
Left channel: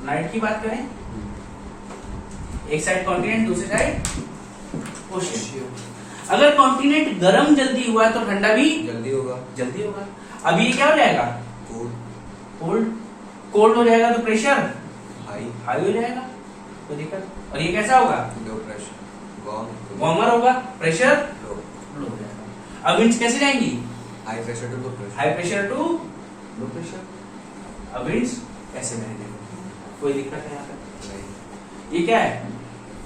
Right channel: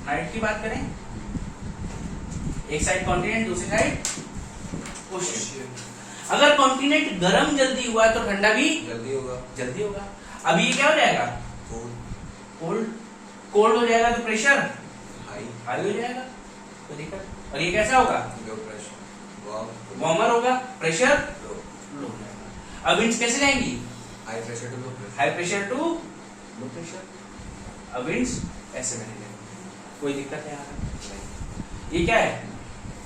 नाइट की बात करें, एक साइड कॉन्टिनेंट, दूसरी साइड ओशियन। अगर कॉन्टिनेंट गर्म जल्दी हुआ तो ठंडा भी जल्दी होगा। जल्दी होगा। अब ये क्या हो जाएगा? कोल्ड। कोल्ड हो जाएगा तो प्रेशर हाई हो जाएगा, तो दिक्कत। और ये कैसा होगा? Low pressure. वार्मर होगा, प्रेशर लो हो जाएगा। अब विंड्स कैसे जाएंगी? High pressure to low pressure. High pressure to low pressure. अब विंड्स ऐसे बनेंगे। कोई दिक्कत है यहाँ पे? ये क्या है?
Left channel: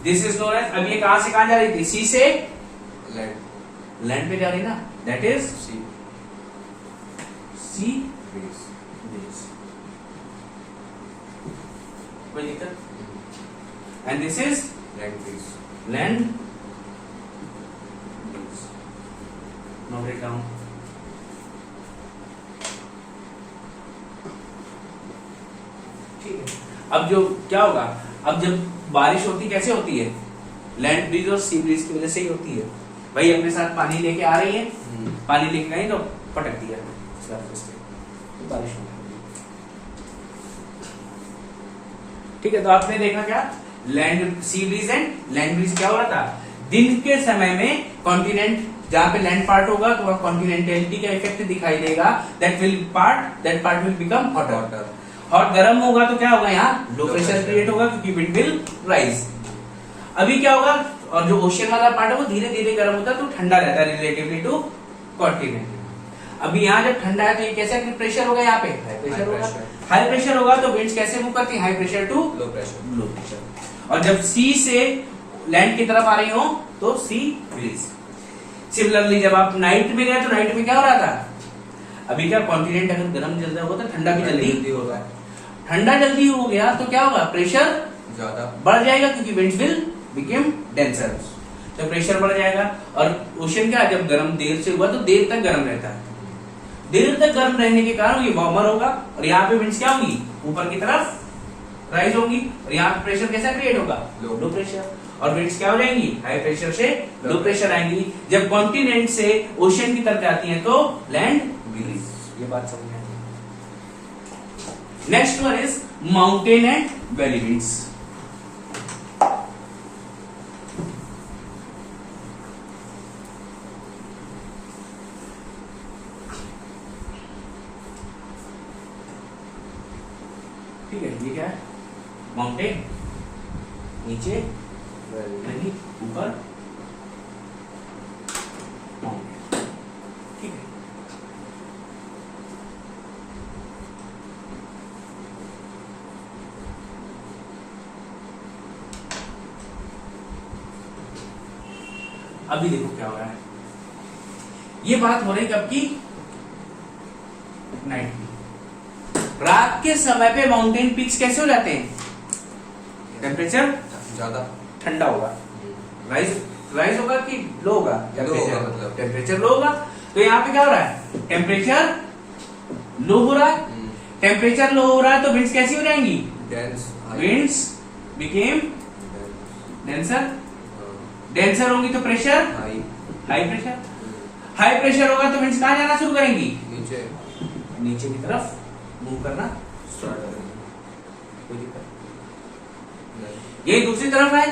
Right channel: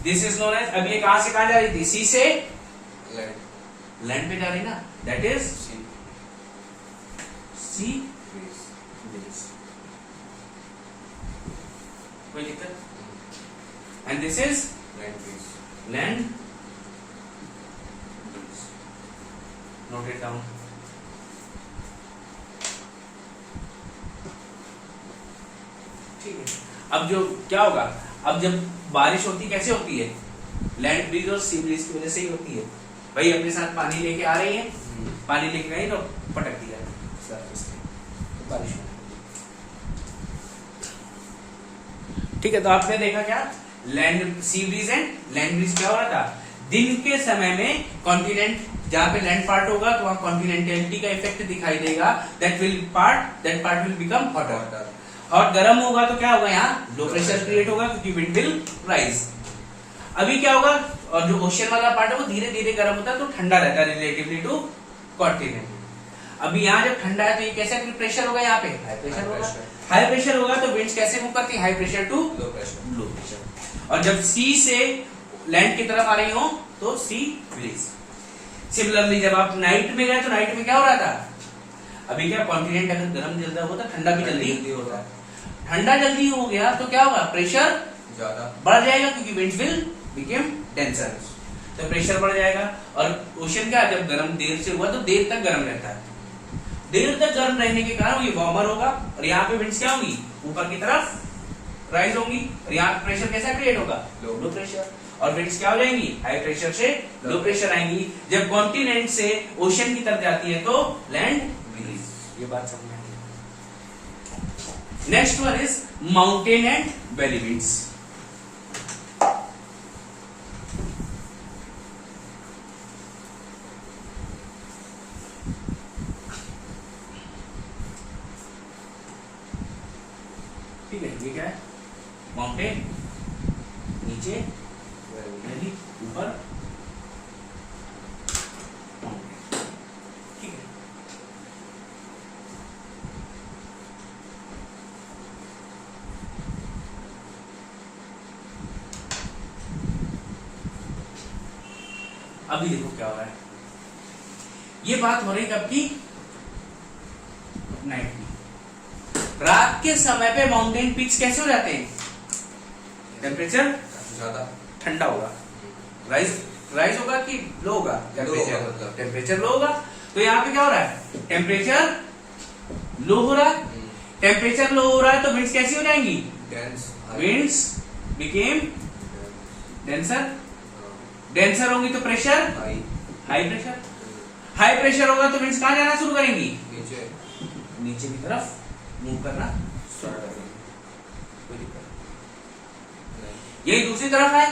This is known as. अब ये कहां से कहां जा रही थी? सी से लैंड। लैंड पे जा रही ना, दैट इज सी ब्रीज। कोई दिक्कत? And this is land breeze. Land. Note it down. ठीक है। अब जो क्या होगा? अब जब बारिश होती कैसे होती है? लैंड ब्रिज और सी ब्रिज की वजह से ही होती है। भाई अपने साथ पानी लेके आ रही है, पानी लेके आई तो पटक दिया सरफेस पे, तो बारिश होने लगी। ठीक है, तो आपने देखा क्या land sea breeze and land breeze क्या हो रहा था, दिन के समय में कॉन्टिनेंट जहां पे लैंड पार्ट होगा तो वहां कॉन्टिनेंटलिटी का इफेक्ट दिखाई देगा, that part will become hotter. Hot गर्म होगा तो क्या होगा, यहाँ लो प्रेशर क्रिएट होगा क्योंकि विंड विल राइज। अभी क्या होगा, और जो ओशियन वाला पार्ट है वो धीरे धीरे गर्म होता है तो ठंडा रहता है रिलेटिवली टू कॉन्टिनेंट। अभी यहाँ जब ठंडा है तो ये कैसे प्रेशर होगा, यहाँ पे हाई प्रेशर होगा। हाई प्रेशर होगा तो विंड्स कैसे मूव करती है, high pressure to low pressure. और जब सी से लैंड की तरफ आ रही हो तो सी ब्रीज। सिमिलरली जब आप नाइट में गए तो नाइट में क्या हो रहा था, अभी क्या कॉन्टिनेंट अगर गर्म जल्दी होगा तो ठंडा भी जल्दी होगा। ठंडा जल्दी हो गया तो क्या होगा, प्रेशर ज्यादा बढ़ जाएगा क्योंकि विंड्स विल बिकम डेंसर, तो प्रेशर बढ़ जाएगा। और ओशन क्या जब गर्म देर से हुआ तो देर तक गर्म रहता है, देर तक गर्म रहने के कारण ये वार्मर होगा और यहाँ पे विंड्स क्या होंगी, ऊपर की तरफ राइज होंगी और यहाँ पे प्रेशर कैसा क्रिएट होगा, लो प्रेशर। और विंड्स क्या हो जाएंगी, हाई प्रेशर से लो प्रेशर आएंगी। जब कॉन्टिनेंट से ओशन की तरफ जाती है तो लैंड ब्रीज। ये बात समझ में आई। Next one is mountain and valley winds. ठीक है, ये क्या है, माउंटेन नीचे, वैली ऊपर, माउंटेन। ठीक है, अभी देखो क्या हो रहा है, ये बात हो रही कब की, नाइट की। रात के समय पे माउंटेन पीक्स कैसे हो जाते हैं, टेम्परेचर ज्यादा ठंडा होगा, राइज होगा कि लो होगा, टेम्परेचर लो होगा। तो यहाँ पे क्या हो रहा है, टेम्परेचर लो हो रहा है, टेम्परेचर लो हो रहा है तो विंड्स कैसी हो जाएंगी, विंड्स बिकेम डेंसर, डेंसर होंगी तो pressure high pressure, high pressure होगा तो विंड्स कहां जाना शुरू करेंगी, नीचे, नीचे की तरफ मूव करना स्टार्ट करेंगे। कोई दिक्कत यही दूसरी तरफ है।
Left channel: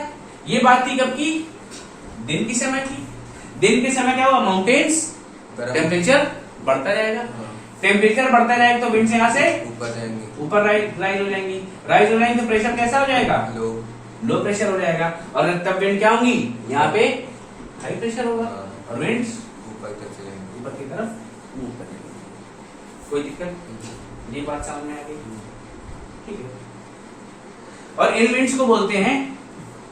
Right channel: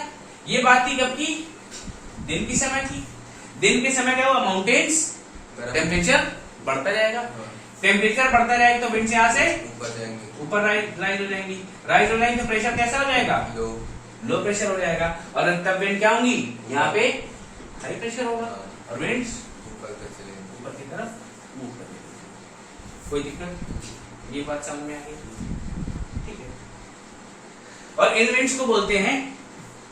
ये बात थी कब की, दिन की समय थी। दिन के समय क्या हुआ, माउंटेन्स टेम्परेचर बढ़ता जाएगा, टेम्परेचर बढ़ता जाएगा तो विंड्स यहाँ से ऊपर जाएंगे, ऊपर राइज हो जाएंगी, राइज हो जाएंगे तो प्रेशर कैसा हो जाएगा, लो प्रेशर हो जाएगा। और तब विंड क्या होंगी, यहाँ पे हाई प्रेशर होगा और विंड्स ऊपर की तरफ मूव कर जाएंगे। कोई दिक्कत, ये बात समझ में आ गई, ठीक है। और इन विंड्स को बोलते हैं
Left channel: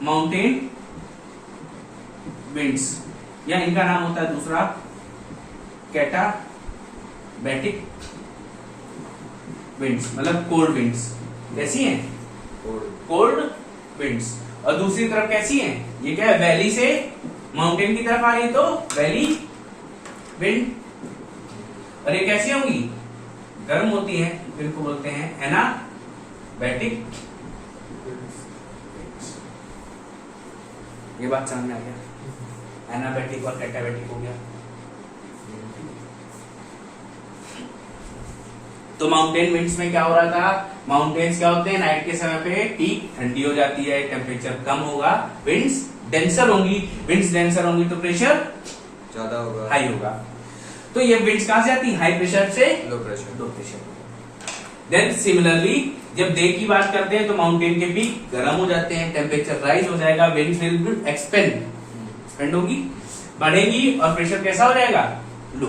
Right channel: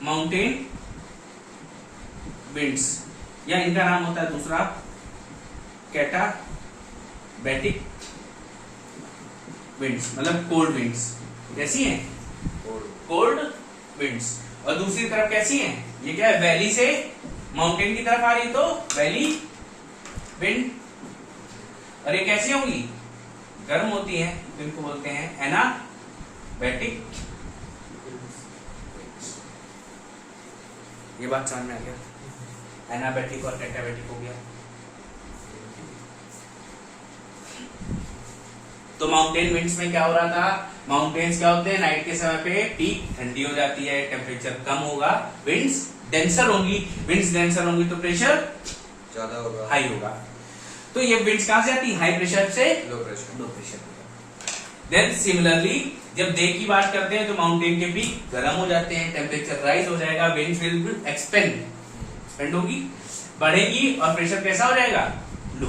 माउंटेन विंड्स, या इनका नाम होता है दूसरा कैटाबैटिक विंड्स, मतलब कोल्ड विंड्स। कैसी हैं, कोल्ड विंड्स। और दूसरी तरफ कैसी हैं, ये क्या है, वैली से माउंटेन की तरफ आ रही है तो वैली विंड। और ये कैसी होंगी, गर्म होती हैं, तो इनको बोलते हैं एनाबैटिक। ये बात समझ में आ गया, एनाबैटिक और कैटाबैटिक हो गया। तो माउंटेन विंड्स में क्या हो रहा था, माउंटेन्स क्या होते हैं, नाइट के समय पे पीक ठंडी हो जाती है, टेम्परेचर कम होगा, विंड्स डेंसर होंगी, विंड्स डेंसर होंगी तो प्रेशर ज्यादा होगा, हाई होगा। तो ये विंड्स कहां से आती है, हाई प्रेशर से लो प्रेशर। देन सिमिलरली जब डे की बात करते हैं तो माउंटेन के पीक गर्म हो जाते हैं, टेम्परेचर राइज हो जाएगा, विंड्स विल एक्सपेंड होगी, बढ़ेगी और प्रेशर कैसा हो जाएगा, लो।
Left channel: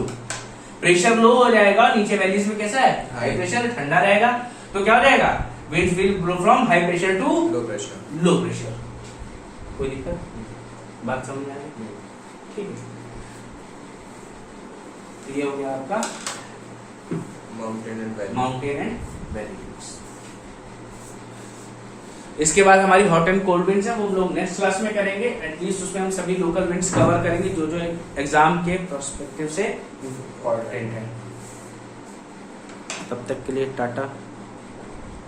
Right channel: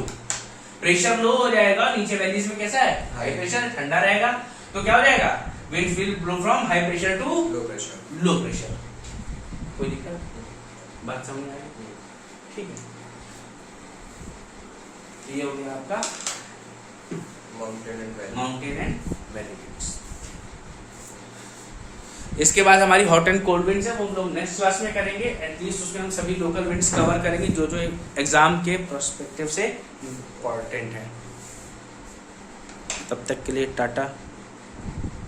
प्रेशर लो हो जाएगा, नीचे वैलीज में कैसा है, हाई प्रेशर, ठंडा रहेगा, तो क्या हो जाएगा, winds will blow from high pressure to low pressure. कोई दिक्कत, बात समझ में आई, ठीक है। ये हो गया आपका माउंटेन एंड वैली विंड्स। इसके बाद हमारी हॉट एंड कोल्ड विंड्स है, वो हम लोग नेक्स्ट क्लास में करेंगे। एटलीस्ट उसमें हम सभी लोकल विंड्स कवर करेंगे जो जो एग्जाम के पर्सपेक्टिव से इम्पोर्टेंट है। तब तक के लिए टाटा।